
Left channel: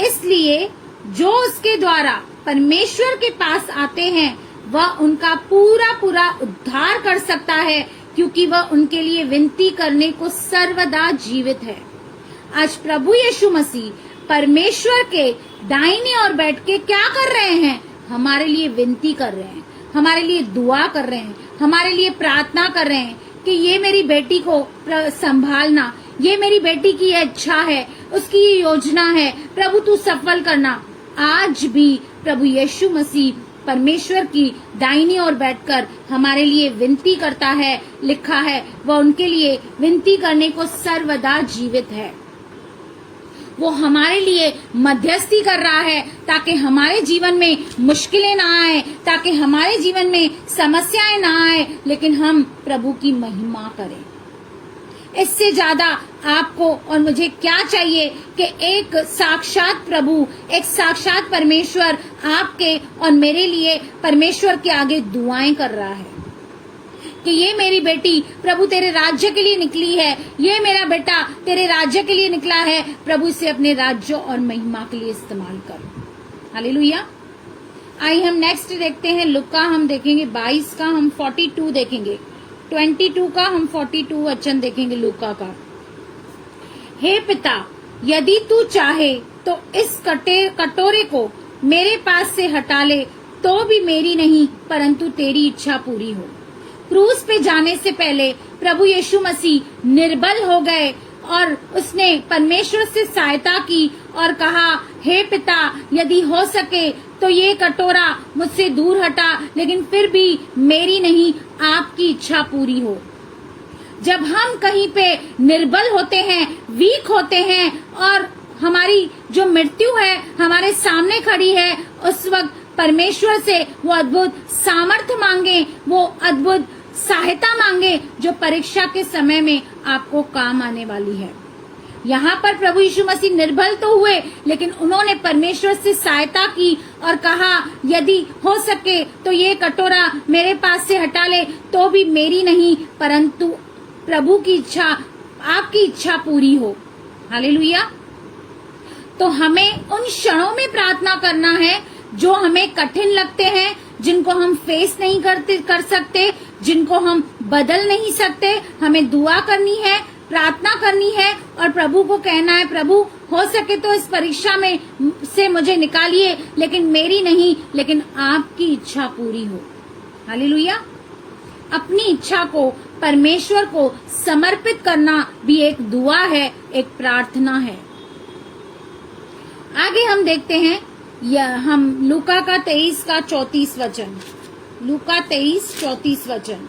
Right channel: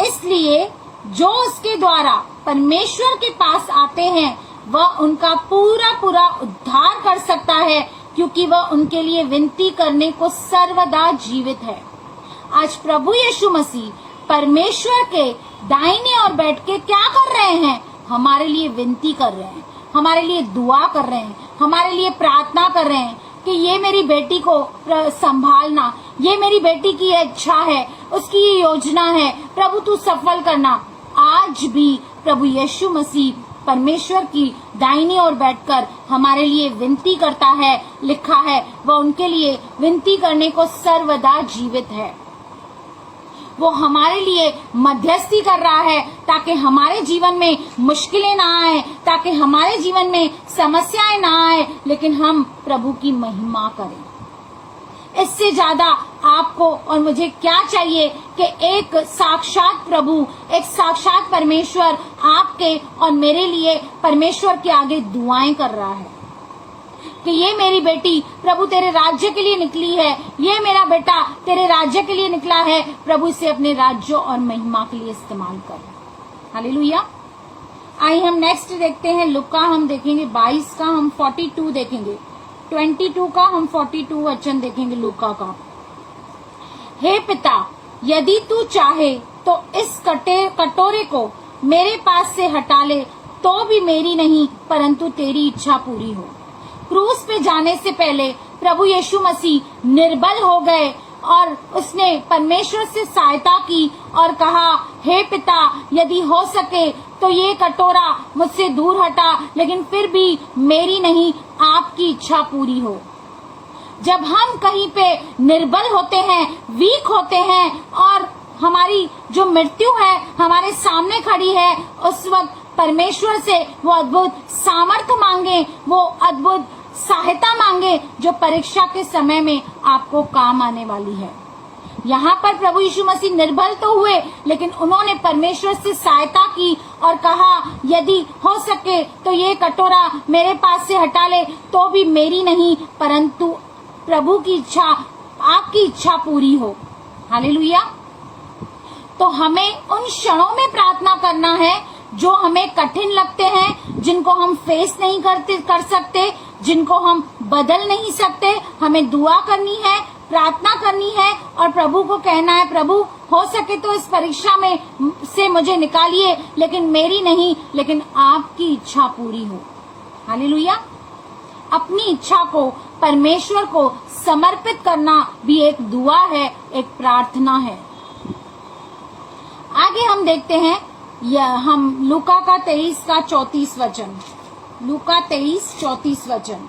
इसलिए जो उसके द्वारा परमेश्वर के पास आते हैं वह उनका पूरा पूरा उद्धार कर सकता है, क्योंकि वह उनके लिए विनती करने को सर्वदा जीवित है। आज प्रभु यीशु मसीह परमेश्वर के दाहिने ओर बैठ के क्या कर रहे हैं? हमारे लिए विनती कर रहे हैं, हमारे लिए दुआ कर रहे हैं, हमारे लिए प्रार्थना कर रहे हैं कि ये मेरी बेटी को संभालना, ये मेरी बेटी की इच्छा है, उसकी ये योजना है, प्रभु तू सफल करना। आज भी प्रभु यीशु मसीह परमेश्वर की दाहिनी ओर बैठकर हमारे लिए विनती करता है। लिखा है वह उनके लिए विनती करने को सर्वदा जीवित है। वो हमारे लिए मध्यस्थी कर रहा है ताकि हमारे जीवन में मुश्किलें ना आए, ताकि हमारे जीवन में समस्याएं ना आए, लेकिन हम प्रभु की महिमा करें। इससे ज्यादा आपको और मुझे क्या चाहिए कि एक साक्षात प्रभु, एक साक्षात परमेश्वर आपके और मेरे लिए परमेश्वर के आगे दुआएं कर रहा है कि ये मेरी बेटी प्रभु तेरे राज्य के लिए निकली है, ये मेरा बेटा तेरे राज्य के लिए निकला है, प्रभु इसे अपने राज्य और महिमा के लिए इस्तेमाल कर। हालेलुया। आइए हम नेक्स्ट देखते हैं, लुका हम देखेंगे 22 का, हम 42 देखेंगे, 22 का हम 42 वचन देखेंगे लूका का। हे पिता, यदि तू चाहे तो इस कटोरे को मेरे पास से हटा ले, तो भी मेरी नहीं परंतु तेरी इच्छा पूरी हो। क्रूस पे जाने से पहले प्रभु यीशु मसीह निर्बल हो गए और उसने परमेश्वर से सहायता की और कहा, हे पिता, यदि हो सके तो ये कटोरा मुझसे दूर हटा, लेकिन फिर भी मेरी नहीं आपकी इच्छा पूरी हो। जब हम कहीं पे निर्बल होते हैं, वीक होते हैं और हमारी जो मृत्यु है हमारे सामने खड़ी है, उस वक्त परमेश्वर से वो अद्भुत सामर्थ्य मांगे, वो अद्भुत सहायता मांगे जो परीक्षा के समय में आपको काम आने वाली है। यहाँ पर प्रभु यीशु मसीह निर्बल तो हुए, लेकिन उन्होंने परमेश्वर से सहायता की और कहा, यदि हो सके तो ये कटोरा मेरे पास से हटा ले, तो भी मेरी नहीं परंतु प्रभु की इच्छा, आपकी इच्छा पूरी हो। हालेलुया। तो हमें उन क्षणों में प्रार्थना करना है जो हमें कठिन लगते हैं, जिनको हम फेस नहीं कर सकते, जिनको हम बदल नहीं सकते। हमें दुआ करनी है, प्रार्थना करनी है और प्रभु को कहना है, प्रभु हो सके तो इस परीक्षा में से मुझे निकालिए, लेकिन मेरी नहीं, लेकिन आपकी इच्छा पूरी हो। हालेलुया। अपनी इच्छा को परमेश्वर को समर्पित करना भी एक दुआ है, एक प्रार्थना है। आगे हम देखते हैं, हम लूका का 23 का 34 वचन, लूका 23:34 वचन।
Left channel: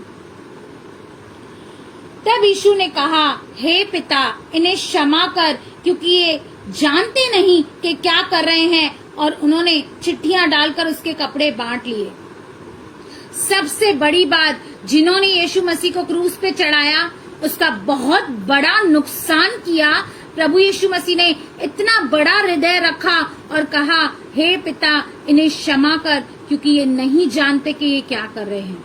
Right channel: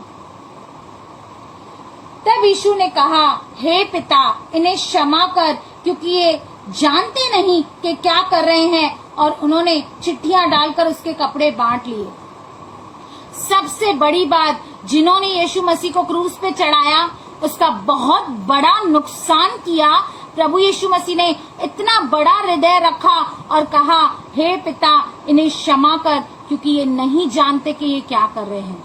तब यीशु ने कहा, हे पिता, इन्हें क्षमा कर, क्योंकि ये जानते नहीं कि क्या कर रहे हैं। और उन्होंने चिट्ठियां डालकर उसके कपड़े बांट लिए। सबसे बड़ी बात, जिन्होंने यीशु मसीह को क्रूस पे चढ़ाया, उसका बहुत बड़ा नुकसान किया। प्रभु यीशु मसीह ने इतना बड़ा हृदय रखा और कहा, हे पिता, इन्हें क्षमा कर, क्योंकि ये नहीं जानते कि ये क्या कर रहे हैं।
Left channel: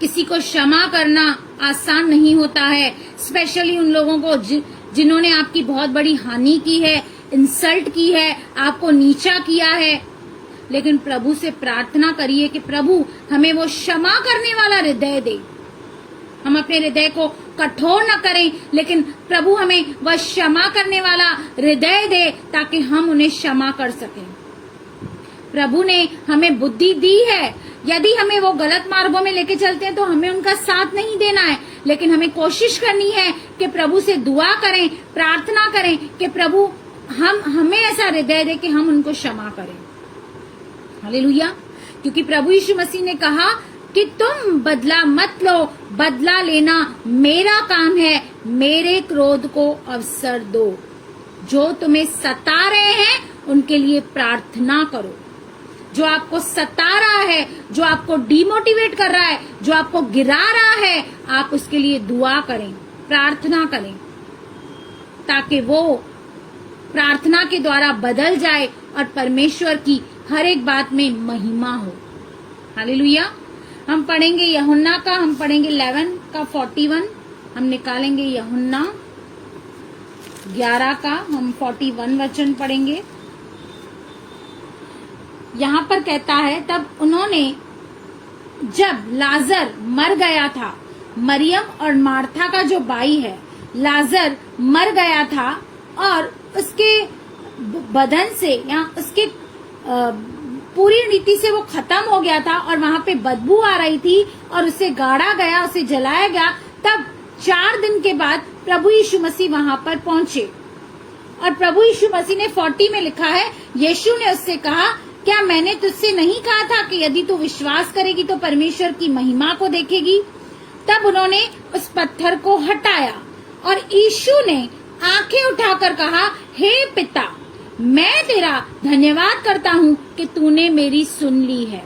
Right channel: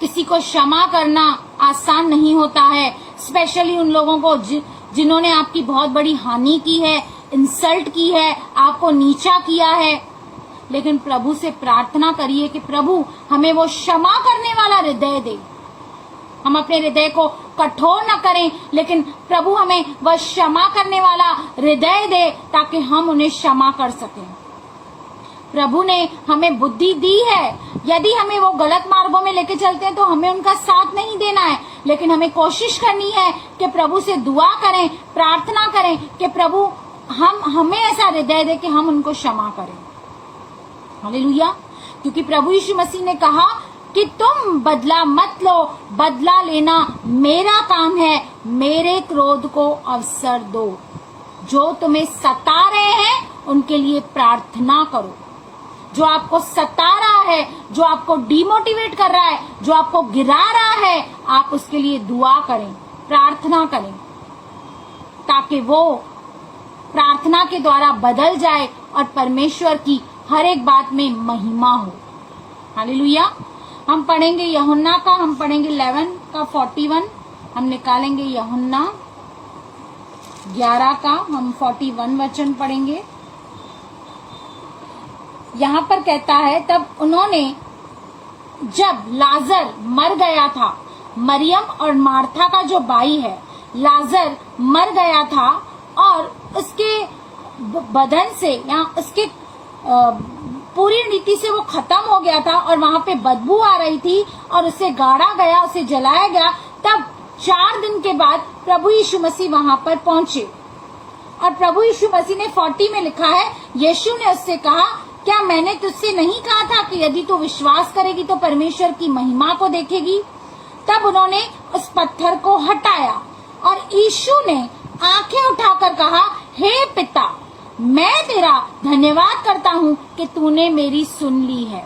किसी को क्षमा करना आसान नहीं होता है, स्पेशली उन लोगों को जिन्होंने आपकी बहुत बड़ी हानि की है, इंसल्ट की है, आपको नीचा किया है। लेकिन प्रभु से प्रार्थना करिए कि प्रभु हमें वो क्षमा करने वाला हृदय दे। हम अपने हृदय को कठोर न करें, लेकिन प्रभु हमें वह क्षमा करने वाला हृदय दे ताकि हम उन्हें क्षमा कर सकें। प्रभु ने हमें बुद्धि दी है, यदि हमें वो गलत मार्गों में लेके चलते हैं तो हमें उनका साथ नहीं देना है, लेकिन हमें कोशिश करनी है कि प्रभु से दुआ करें, प्रार्थना करें कि प्रभु हमें ऐसा हृदय दे कि हम उनको क्षमा करें। हालेलुया। क्योंकि प्रभु यीशु मसीह ने कहा कि तुम बदला मत लो, बदला लेना मेरा काम है, मेरे क्रोध को अवसर दो। जो तुम्हें सता रहे हैं उनके लिए प्रार्थना करो। जो आपको सता रहा है, जो आपको डिमोटिवेट कर रहा है, जो आपको गिरा रहा है, आप उसके लिए दुआ करें, प्रार्थना करें, ताकि वो प्रार्थना के द्वारा बदल जाए और परमेश्वर की हर एक बात में महिमा हो। हालेलुया। हम पढ़ेंगे यूहन्ना का, हम पढ़ेंगे 11 का 41, हम निकालेंगे यूहन्ना 11 का, हम 41 वचन पढ़ेंगे। यहाँ पर कहता है, तब उन्होंने, जब लाजर मर गया था, मरियम और मार्था का जो भाई है, लाजर मर गया था और उसके बदन से या उसके पूरी रीति से वो खत्म हो गया था और वहां पे बदबू आ रही थी और उसे गाड़ा गया, उसे जलाया गया। तब 4 दिन के बाद प्रभु यीशु मसीह वहां पर पहुंचे और प्रभु यीशु मसीह ने 40 में लिखा है, यीशु ने उससे कहा, क्या मैंने तुझसे नहीं कहा था कि यदि तू विश्वास करेगी तो परमेश्वर की महिमा को देखेगी। तब उन्होंने उस पत्थर को हटाया और यीशु ने आंखें उठाकर कहा, हे पिता, मैं तेरा धन्यवाद करता हूँ कि तूने मेरी सुन ली है।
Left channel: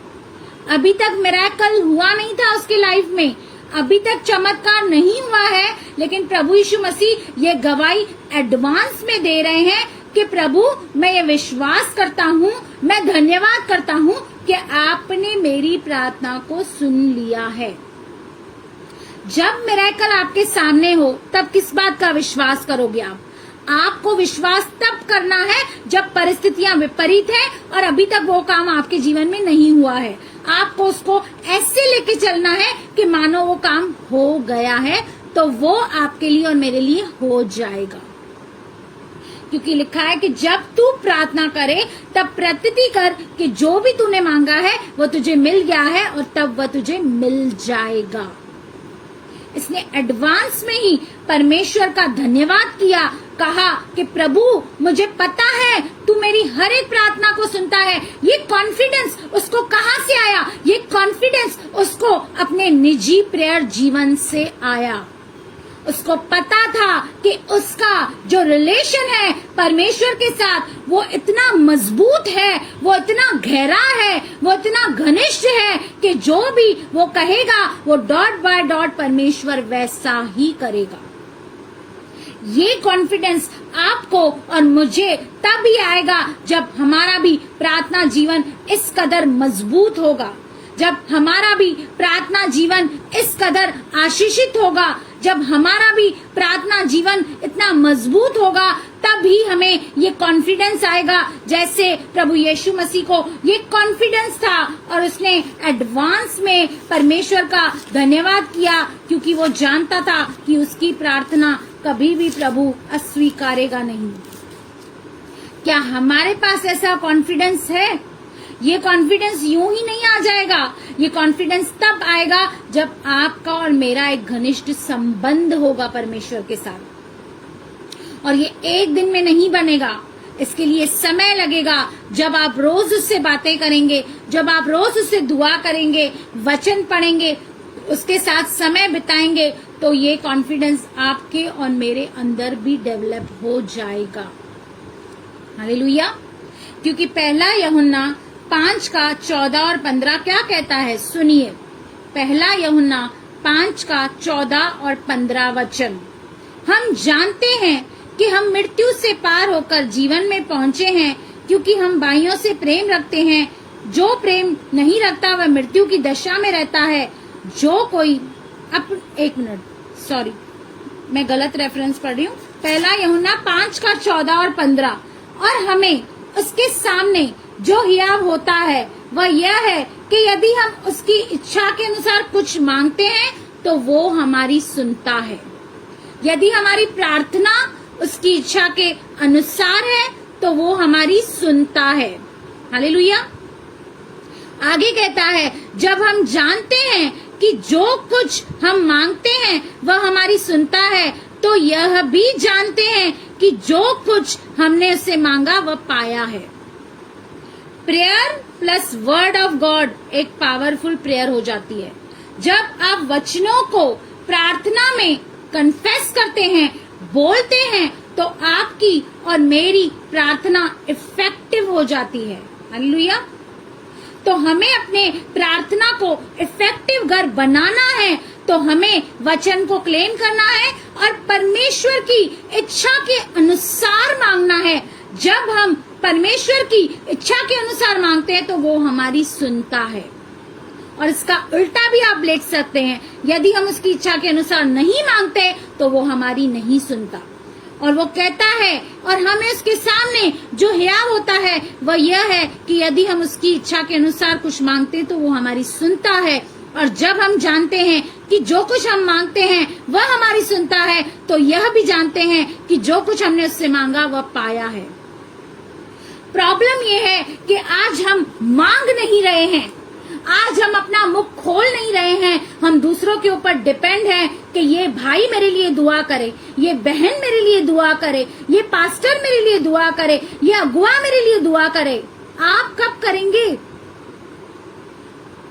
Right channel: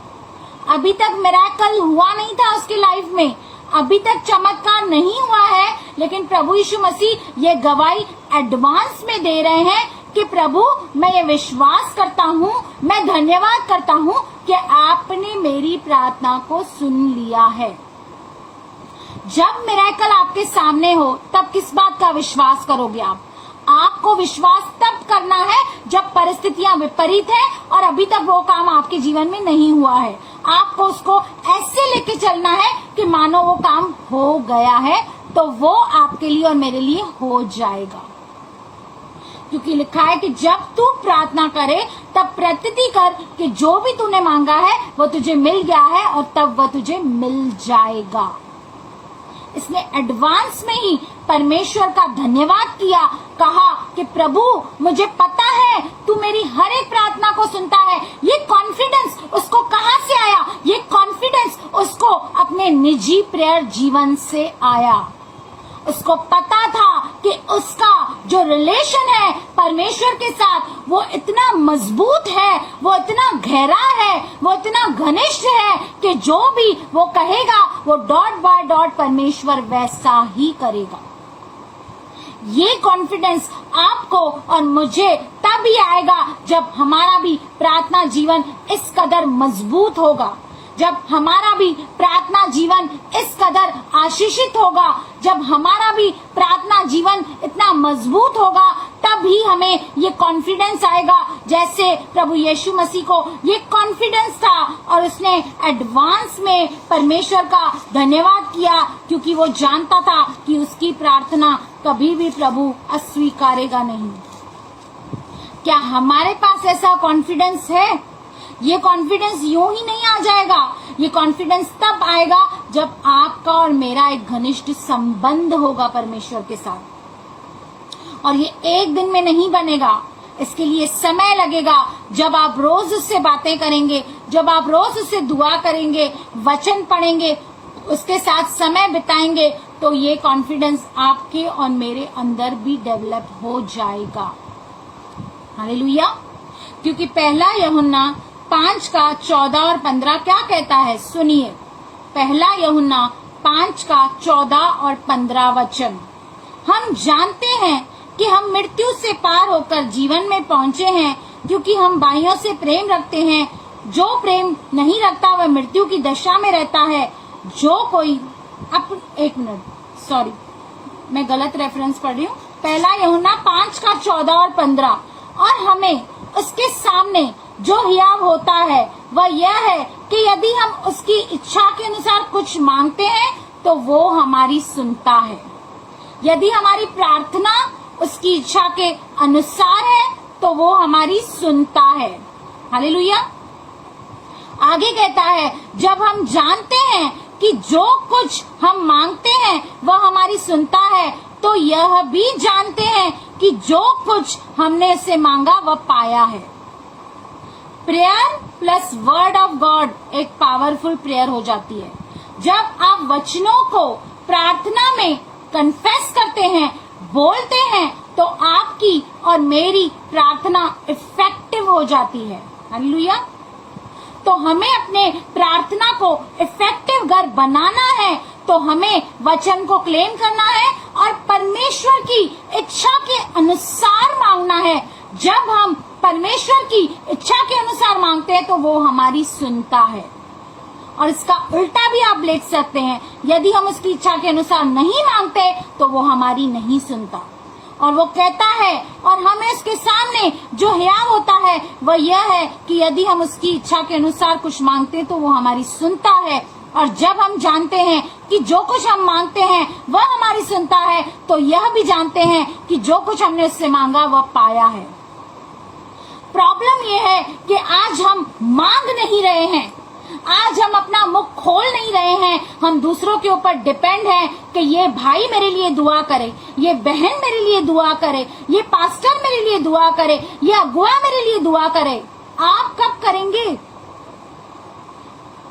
अभी तक मिरेकल हुआ नहीं था उसकी लाइफ में, अभी तक चमत्कार नहीं हुआ है, लेकिन प्रभु यीशु मसीह ये गवाही एडवांस में दे रहे हैं कि प्रभु, मैं ये विश्वास करता हूँ, मैं धन्यवाद करता हूँ कि आपने मेरी प्रार्थना को सुन लिया है। जब मिरेकल आपके सामने हो तब किस बात का विश्वास करोगे आप? आपको विश्वास तब करना है जब परिस्थितियां विपरीत है और अभी तक वो काम आपके जीवन में नहीं हुआ है। आपको उसको ऐसे लेके चलना है कि मानो वो काम हो गया है, तो वो आपके लिए और मेरे लिए हो जाएगा। क्योंकि लिखा है कि जब तू प्रार्थना करे तब प्रतीति कर कि जो भी तूने मांगा है वो तुझे मिल गया है और तब वह तुझे मिल जाएगा। इसने एडवांस में ही परमेश्वर का धन्यवाद किया, कहा कि प्रभु मुझे पता है तू मेरी हर एक प्रार्थना को सुनता है। ये कॉन्फिडेंस उसको कहां से आया? ये कॉन्फिडेंस उसको अपने निजी प्रेयर जीवन से आया। उसको पता था कि उसका जो रिलेशन है परमेश्वर के साथ वो इतना मजबूत है, वो इतना गहरा है, वो इतना घनिष्ठ है कि जो भी वो कहेगा वो डॉट बाय डॉट परमेश्वर वैसा ही करेगा। ये कॉन्फिडेंस आपको और मुझे तभी आएगा जब हमारा भी प्रार्थना जीवन इस कदर मजबूत होगा, जब हमारा भी प्रार्थना जीवन इस कदर आशीषित होगा, जब हमारा भी प्रार्थना जीवन इतना मजबूत होगा, तब ही हमें ये कॉन्फिडेंस आएगा जैसे प्रभु यीशु मसीह को ये कॉन्फिडेंस था और उसने एडवांस में परमेश्वर का धन्यवाद किया क्योंकि वो जानता था कि उसकी प्रार्थना कभी भी प्रभु अस्वीकारेगा नहीं। क्या हमारे पास ऐसा कॉन्फिडेंस है? ये कॉन्फिडेंस यूं ही नहीं आ जाएगा। ये कॉन्फिडेंस तब आएगा जब आपका और मेरा एक घनिष्ठ संबंध होगा परमेश्वर के साथ। और ये एक दिन में नहीं बनेगा, इसके लिए समय लगेगा। जब आप रोज उससे बातें करेंगे, जब आप रोज उससे दुआ करेंगे, वचन पढ़ेंगे, उसके साथ समय बिताएंगे, तो ये कॉन्फिडेंस आपके और मेरे अंदर भी डेवलप हो जाएगा। हालेलुया। क्योंकि पहला यूहन्ना 5 का 14 और 15 क्या कहता है? सुनिए, पहला यूहन्ना 5 का 14 और 15 वचन। हम जानते हैं कि हम मृत्यु से पार होकर जीवन में पहुंचे हैं क्योंकि हम भाइयों से प्रेम रखते हैं। जो प्रेम नहीं रखता वह मृत्यु की दशा में रहता है। जो कोई एक मिनट, सॉरी, मैं गलत रेफरेंस पढ़ रही हूँ। पहला यूहन्ना 5 का 14 और 15। और हमें उसके सामने जो हियाव होता है वह यह है कि यदि हम उसकी इच्छा के अनुसार कुछ मांगते हैं तो वो हमारी सुनता है। यदि हमारी प्रार्थना उसकी इच्छा के अनुसार है तो वो हमारी सुनता है। हालेलुया। आगे कहता है, जब हम जानते हैं कि जो कुछ हम मांगते हैं वह हमारी सुनता है तो यह भी जानते हैं कि जो कुछ हमने उससे मांगा वह पाया है। Prayer plus word of God एक पावरफुल प्रेयर हो जाती है। जब आप वचनों को प्रार्थना में कन्फेस करते हैं, बोलते हैं, तो आपकी और मेरी प्रार्थना इफेक्टिव हो जाती है। हालेलुया। तो हमें अपने प्रार्थना को इफेक्टिव घर बनाना है तो हमें वचन को क्लेम करना है और परमेश्वर की इच्छा के अनुसार मांगना है। जब हम परमेश्वर की इच्छा के अनुसार मांगते हैं तो वो हमारी सुनता है। और इसका उल्टा भी आप लिख सकते हैं, यदि हम उसकी इच्छा के अनुसार नहीं मांगते तो वो हमारी नहीं सुनता। और वो कहता है, और हमें उसके सामने जो हियाव होता है वह यह है कि यदि हम उसकी इच्छा के अनुसार कुछ मांगते हैं तो वो हमारी सुनता है। और जब हम जानते हैं कि जो कुछ हम मांगते हैं वह हमारी सुनता है तो यह भी जानते हैं कि जो कुछ हमने उससे मांगा वह पाया है। प्रॉब्लम यह है कि आज हम मांग नहीं रहे हैं, आज हम अपना मुख खोल नहीं रहे हैं। हम दूसरों के ऊपर डिपेंड हैं कि ये भाई मेरे लिए दुआ करे, ये बहन मेरे लिए दुआ करे, ये पास्टर मेरे लिए दुआ करे, ये अगुआ मेरे लिए दुआ करे। आप कब करेंगे?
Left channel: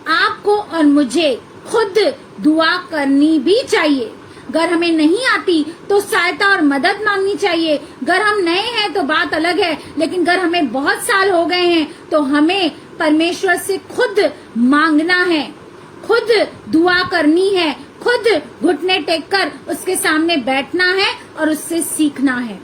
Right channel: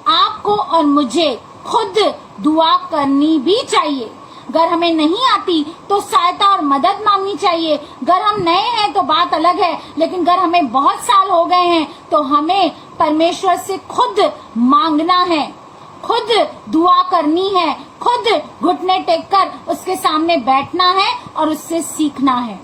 आपको और मुझे खुद दुआ करनी भी चाहिए। अगर हमें नहीं आती तो सहायता और मदद मांगनी चाहिए। अगर हम नए हैं तो बात अलग है, लेकिन अगर हमें बहुत साल हो गए हैं तो हमें परमेश्वर से खुद मांगना है, खुद दुआ करनी है, खुद घुटने टेककर उसके सामने बैठना है और उससे सीखना है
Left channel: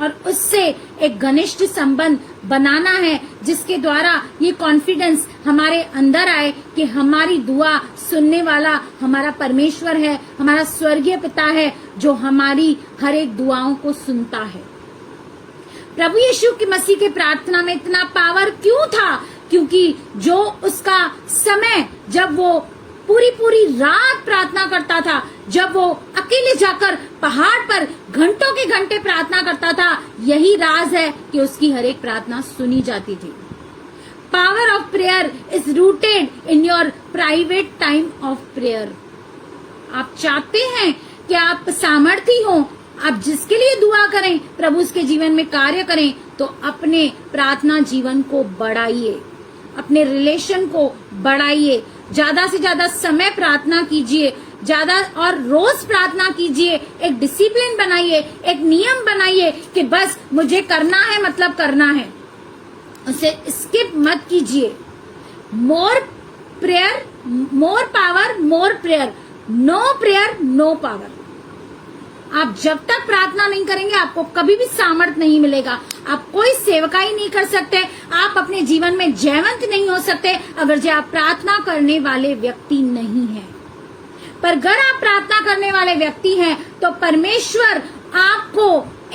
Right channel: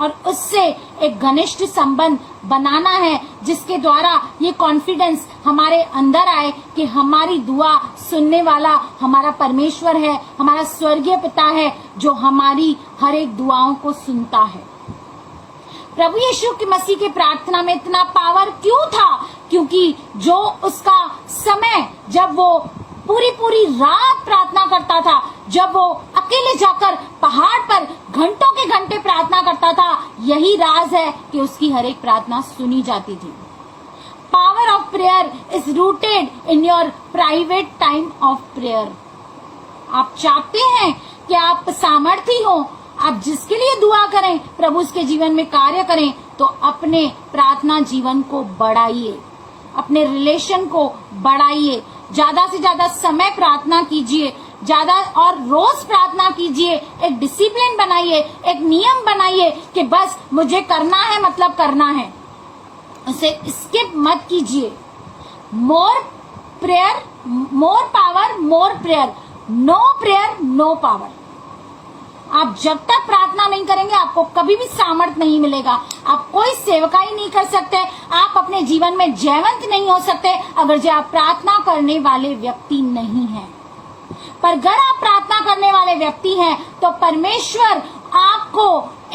और उससे एक घनिष्ठ संबंध बनाना है जिसके द्वारा ये कॉन्फिडेंस हमारे अंदर आए कि हमारी दुआ सुनने वाला हमारा परमेश्वर है, हमारा स्वर्गीय पिता है जो हमारी हर एक दुआओं को सुनता है। प्रभु यीशु की मसीह के प्रार्थना में इतना पावर क्यों था? क्योंकि जो उसका समय जब वो पूरी पूरी रात प्रार्थना करता था, जब वो अकेले जाकर पहाड़ पर घंटों के घंटे प्रार्थना करता था, यही राज है कि उसकी हर एक प्रार्थना सुनी जाती थी। Power of prayer is rooted in your private time of prayer. आप चाहते हैं कि आप सामर्थी हो, आप जिसके लिए दुआ करें प्रभु उसके जीवन में कार्य करें, तो अपने प्रार्थना जीवन को बढ़ाइए, अपने रिलेशन को बढ़ाइए, ज्यादा से ज्यादा समय प्रार्थना कीजिए, ज्यादा और रोज प्रार्थना कीजिए। एक डिसिप्लिन बनाइए, एक नियम बनाइए कि बस मुझे करना है, मतलब करना है, उसे स्किप मत कीजिए। More prayer more power, more prayer, no prayer no power. आप जब तक प्रार्थना नहीं करेंगे आपको कभी भी सामर्थ नहीं मिलेगा, आप कोई सेवकाई नहीं कर सकते, आप अपने जीवन में जयवंत नहीं हो सकते अगर आप प्रार्थना करने वाले व्यक्ति नहीं हैं। पर अगर आप प्रार्थना करने वाले व्यक्ति हैं तो परमेश्वर आपको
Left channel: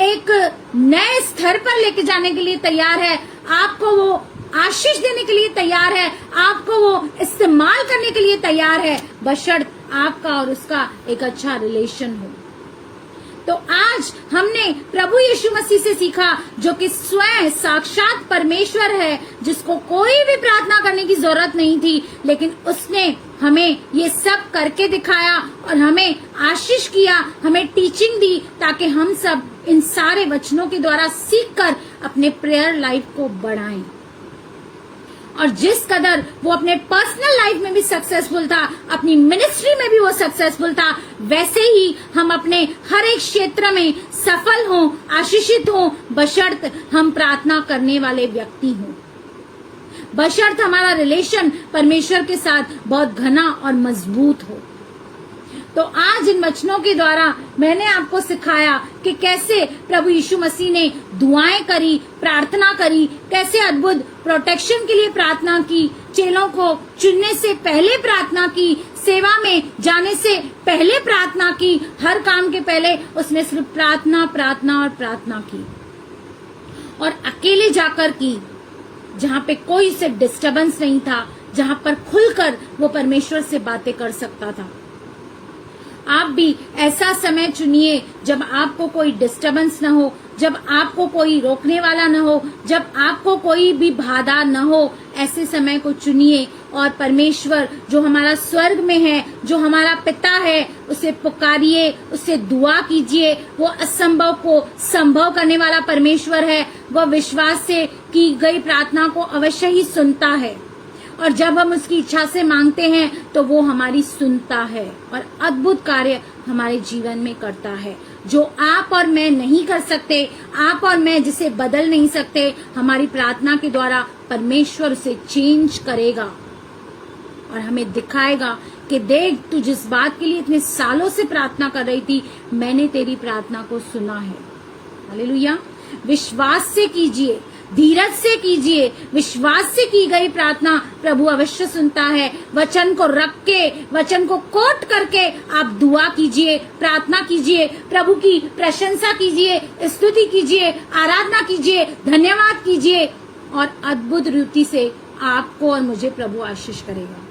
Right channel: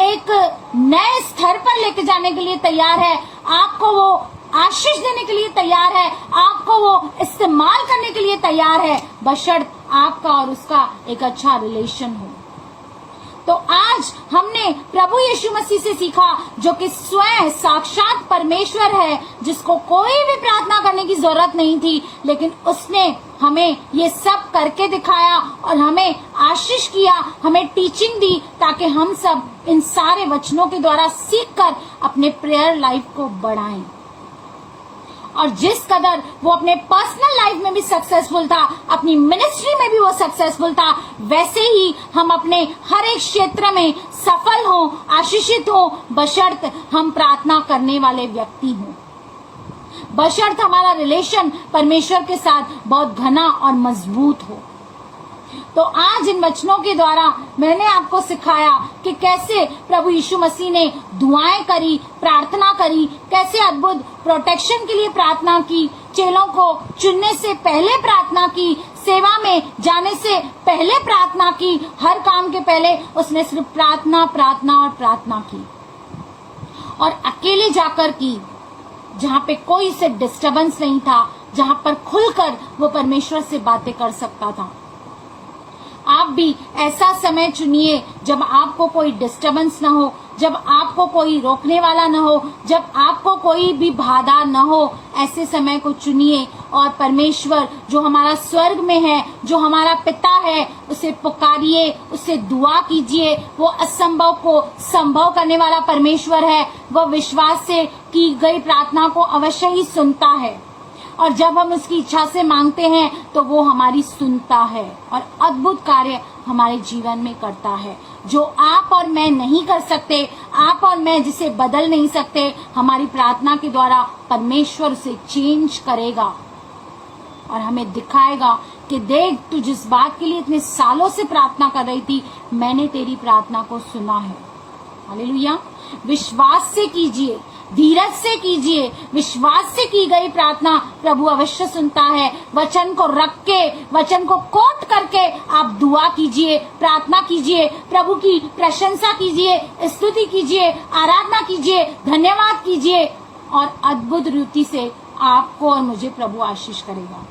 एक नए स्तर पर लेके जाने के लिए तैयार है, आपको वो आशीष देने के लिए तैयार है, आपको वो इस्तेमाल करने के लिए तैयार है, बशर्ते आपका और उसका एक अच्छा रिलेशन हो। तो आज हमने प्रभु यीशु मसीह से सीखा, जो कि स्वयं साक्षात परमेश्वर है, जिसको कोई भी प्रार्थना करने की जरूरत नहीं थी, लेकिन उसने हमें ये सब करके दिखाया और हमें आशीष किया, हमें टीचिंग दी, ताकि हम सब इन सारे वचनों के द्वारा सीखकर अपने प्रेयर लाइफ को बढ़ाएं। और जिस कदर वो अपने पर्सनल लाइफ में भी सक्सेसफुल था, अपनी मिनिस्ट्री में भी वो सक्सेसफुल था, वैसे ही हम अपने हर एक क्षेत्र में सफल हों, आशीषित हों, बशर्ते हम प्रार्थना करने वाले व्यक्ति हों, बशर्ते हमारा रिलेशन परमेश्वर के साथ बहुत घना और मजबूत हो। तो आज इन वचनों के द्वारा मैंने आपको सिखाया कि कैसे प्रभु यीशु मसीह ने दुआएं करी, प्रार्थना करी, कैसे अद्भुत प्रोटेक्शन के लिए प्रार्थना की, चेलों को चुनने से पहले प्रार्थना की, सेवा में जाने से पहले प्रार्थना की, हर काम के पहले उसने सिर्फ प्रार्थना प्रार्थना और प्रार्थना की, और अकेले जाकर की, जहाँ पे कोई से डिस्टर्बेंस नहीं था, जहाँ पर खुलकर वो परमेश्वर से बातें कर सकता था। आप भी ऐसा समय चुनिए जब आपको कोई डिस्टरबेंस न हो, जब आपको कोई रोकने वाला न हो, जब आपको कोई भी बाधा न हो। ऐसे समय को चुनिए और परमेश्वर जो हमारा स्वर्ग में है, जो हमारा पिता है, उसे पुकारिए, उससे दुआ कीजिए। वो असंभव को संभव करने वाला परमेश्वर है। वह विश्वास से की गई प्रार्थना को अवश्य ही सुनता है, और जब हम उसकी इच्छा से मांगते हैं तो वो हमारी सुनता है और अद्भुत कार्य हमारे जीवन में करता है। जो आप और मैं नहीं कर सकते, आप और मैं जिसे बदल नहीं सकते, हमारी प्रार्थना के द्वारा परमेश्वर उसे चेंज करेगा और हमें दिखाएगा कि देख, तू जिस बात के लिए इतने सालों से प्रार्थना कर रही थी, मैंने तेरी प्रार्थना को सुना है। हालेलुया। विश्वास से कीजिए, धीरज से कीजिए। विश्वास से की गई प्रार्थना प्रभु अवश्य सुनता है। वचन को रख के, वचन को कोट करके आप दुआ कीजिए, प्रार्थना कीजिए, प्रभु की प्रशंसा कीजिए, स्तुति कीजिए, आराधना कीजिए, धन्यवाद कीजिए, और अद्भुत रीति से आपको और मुझे प्रभु आशीष करेगा।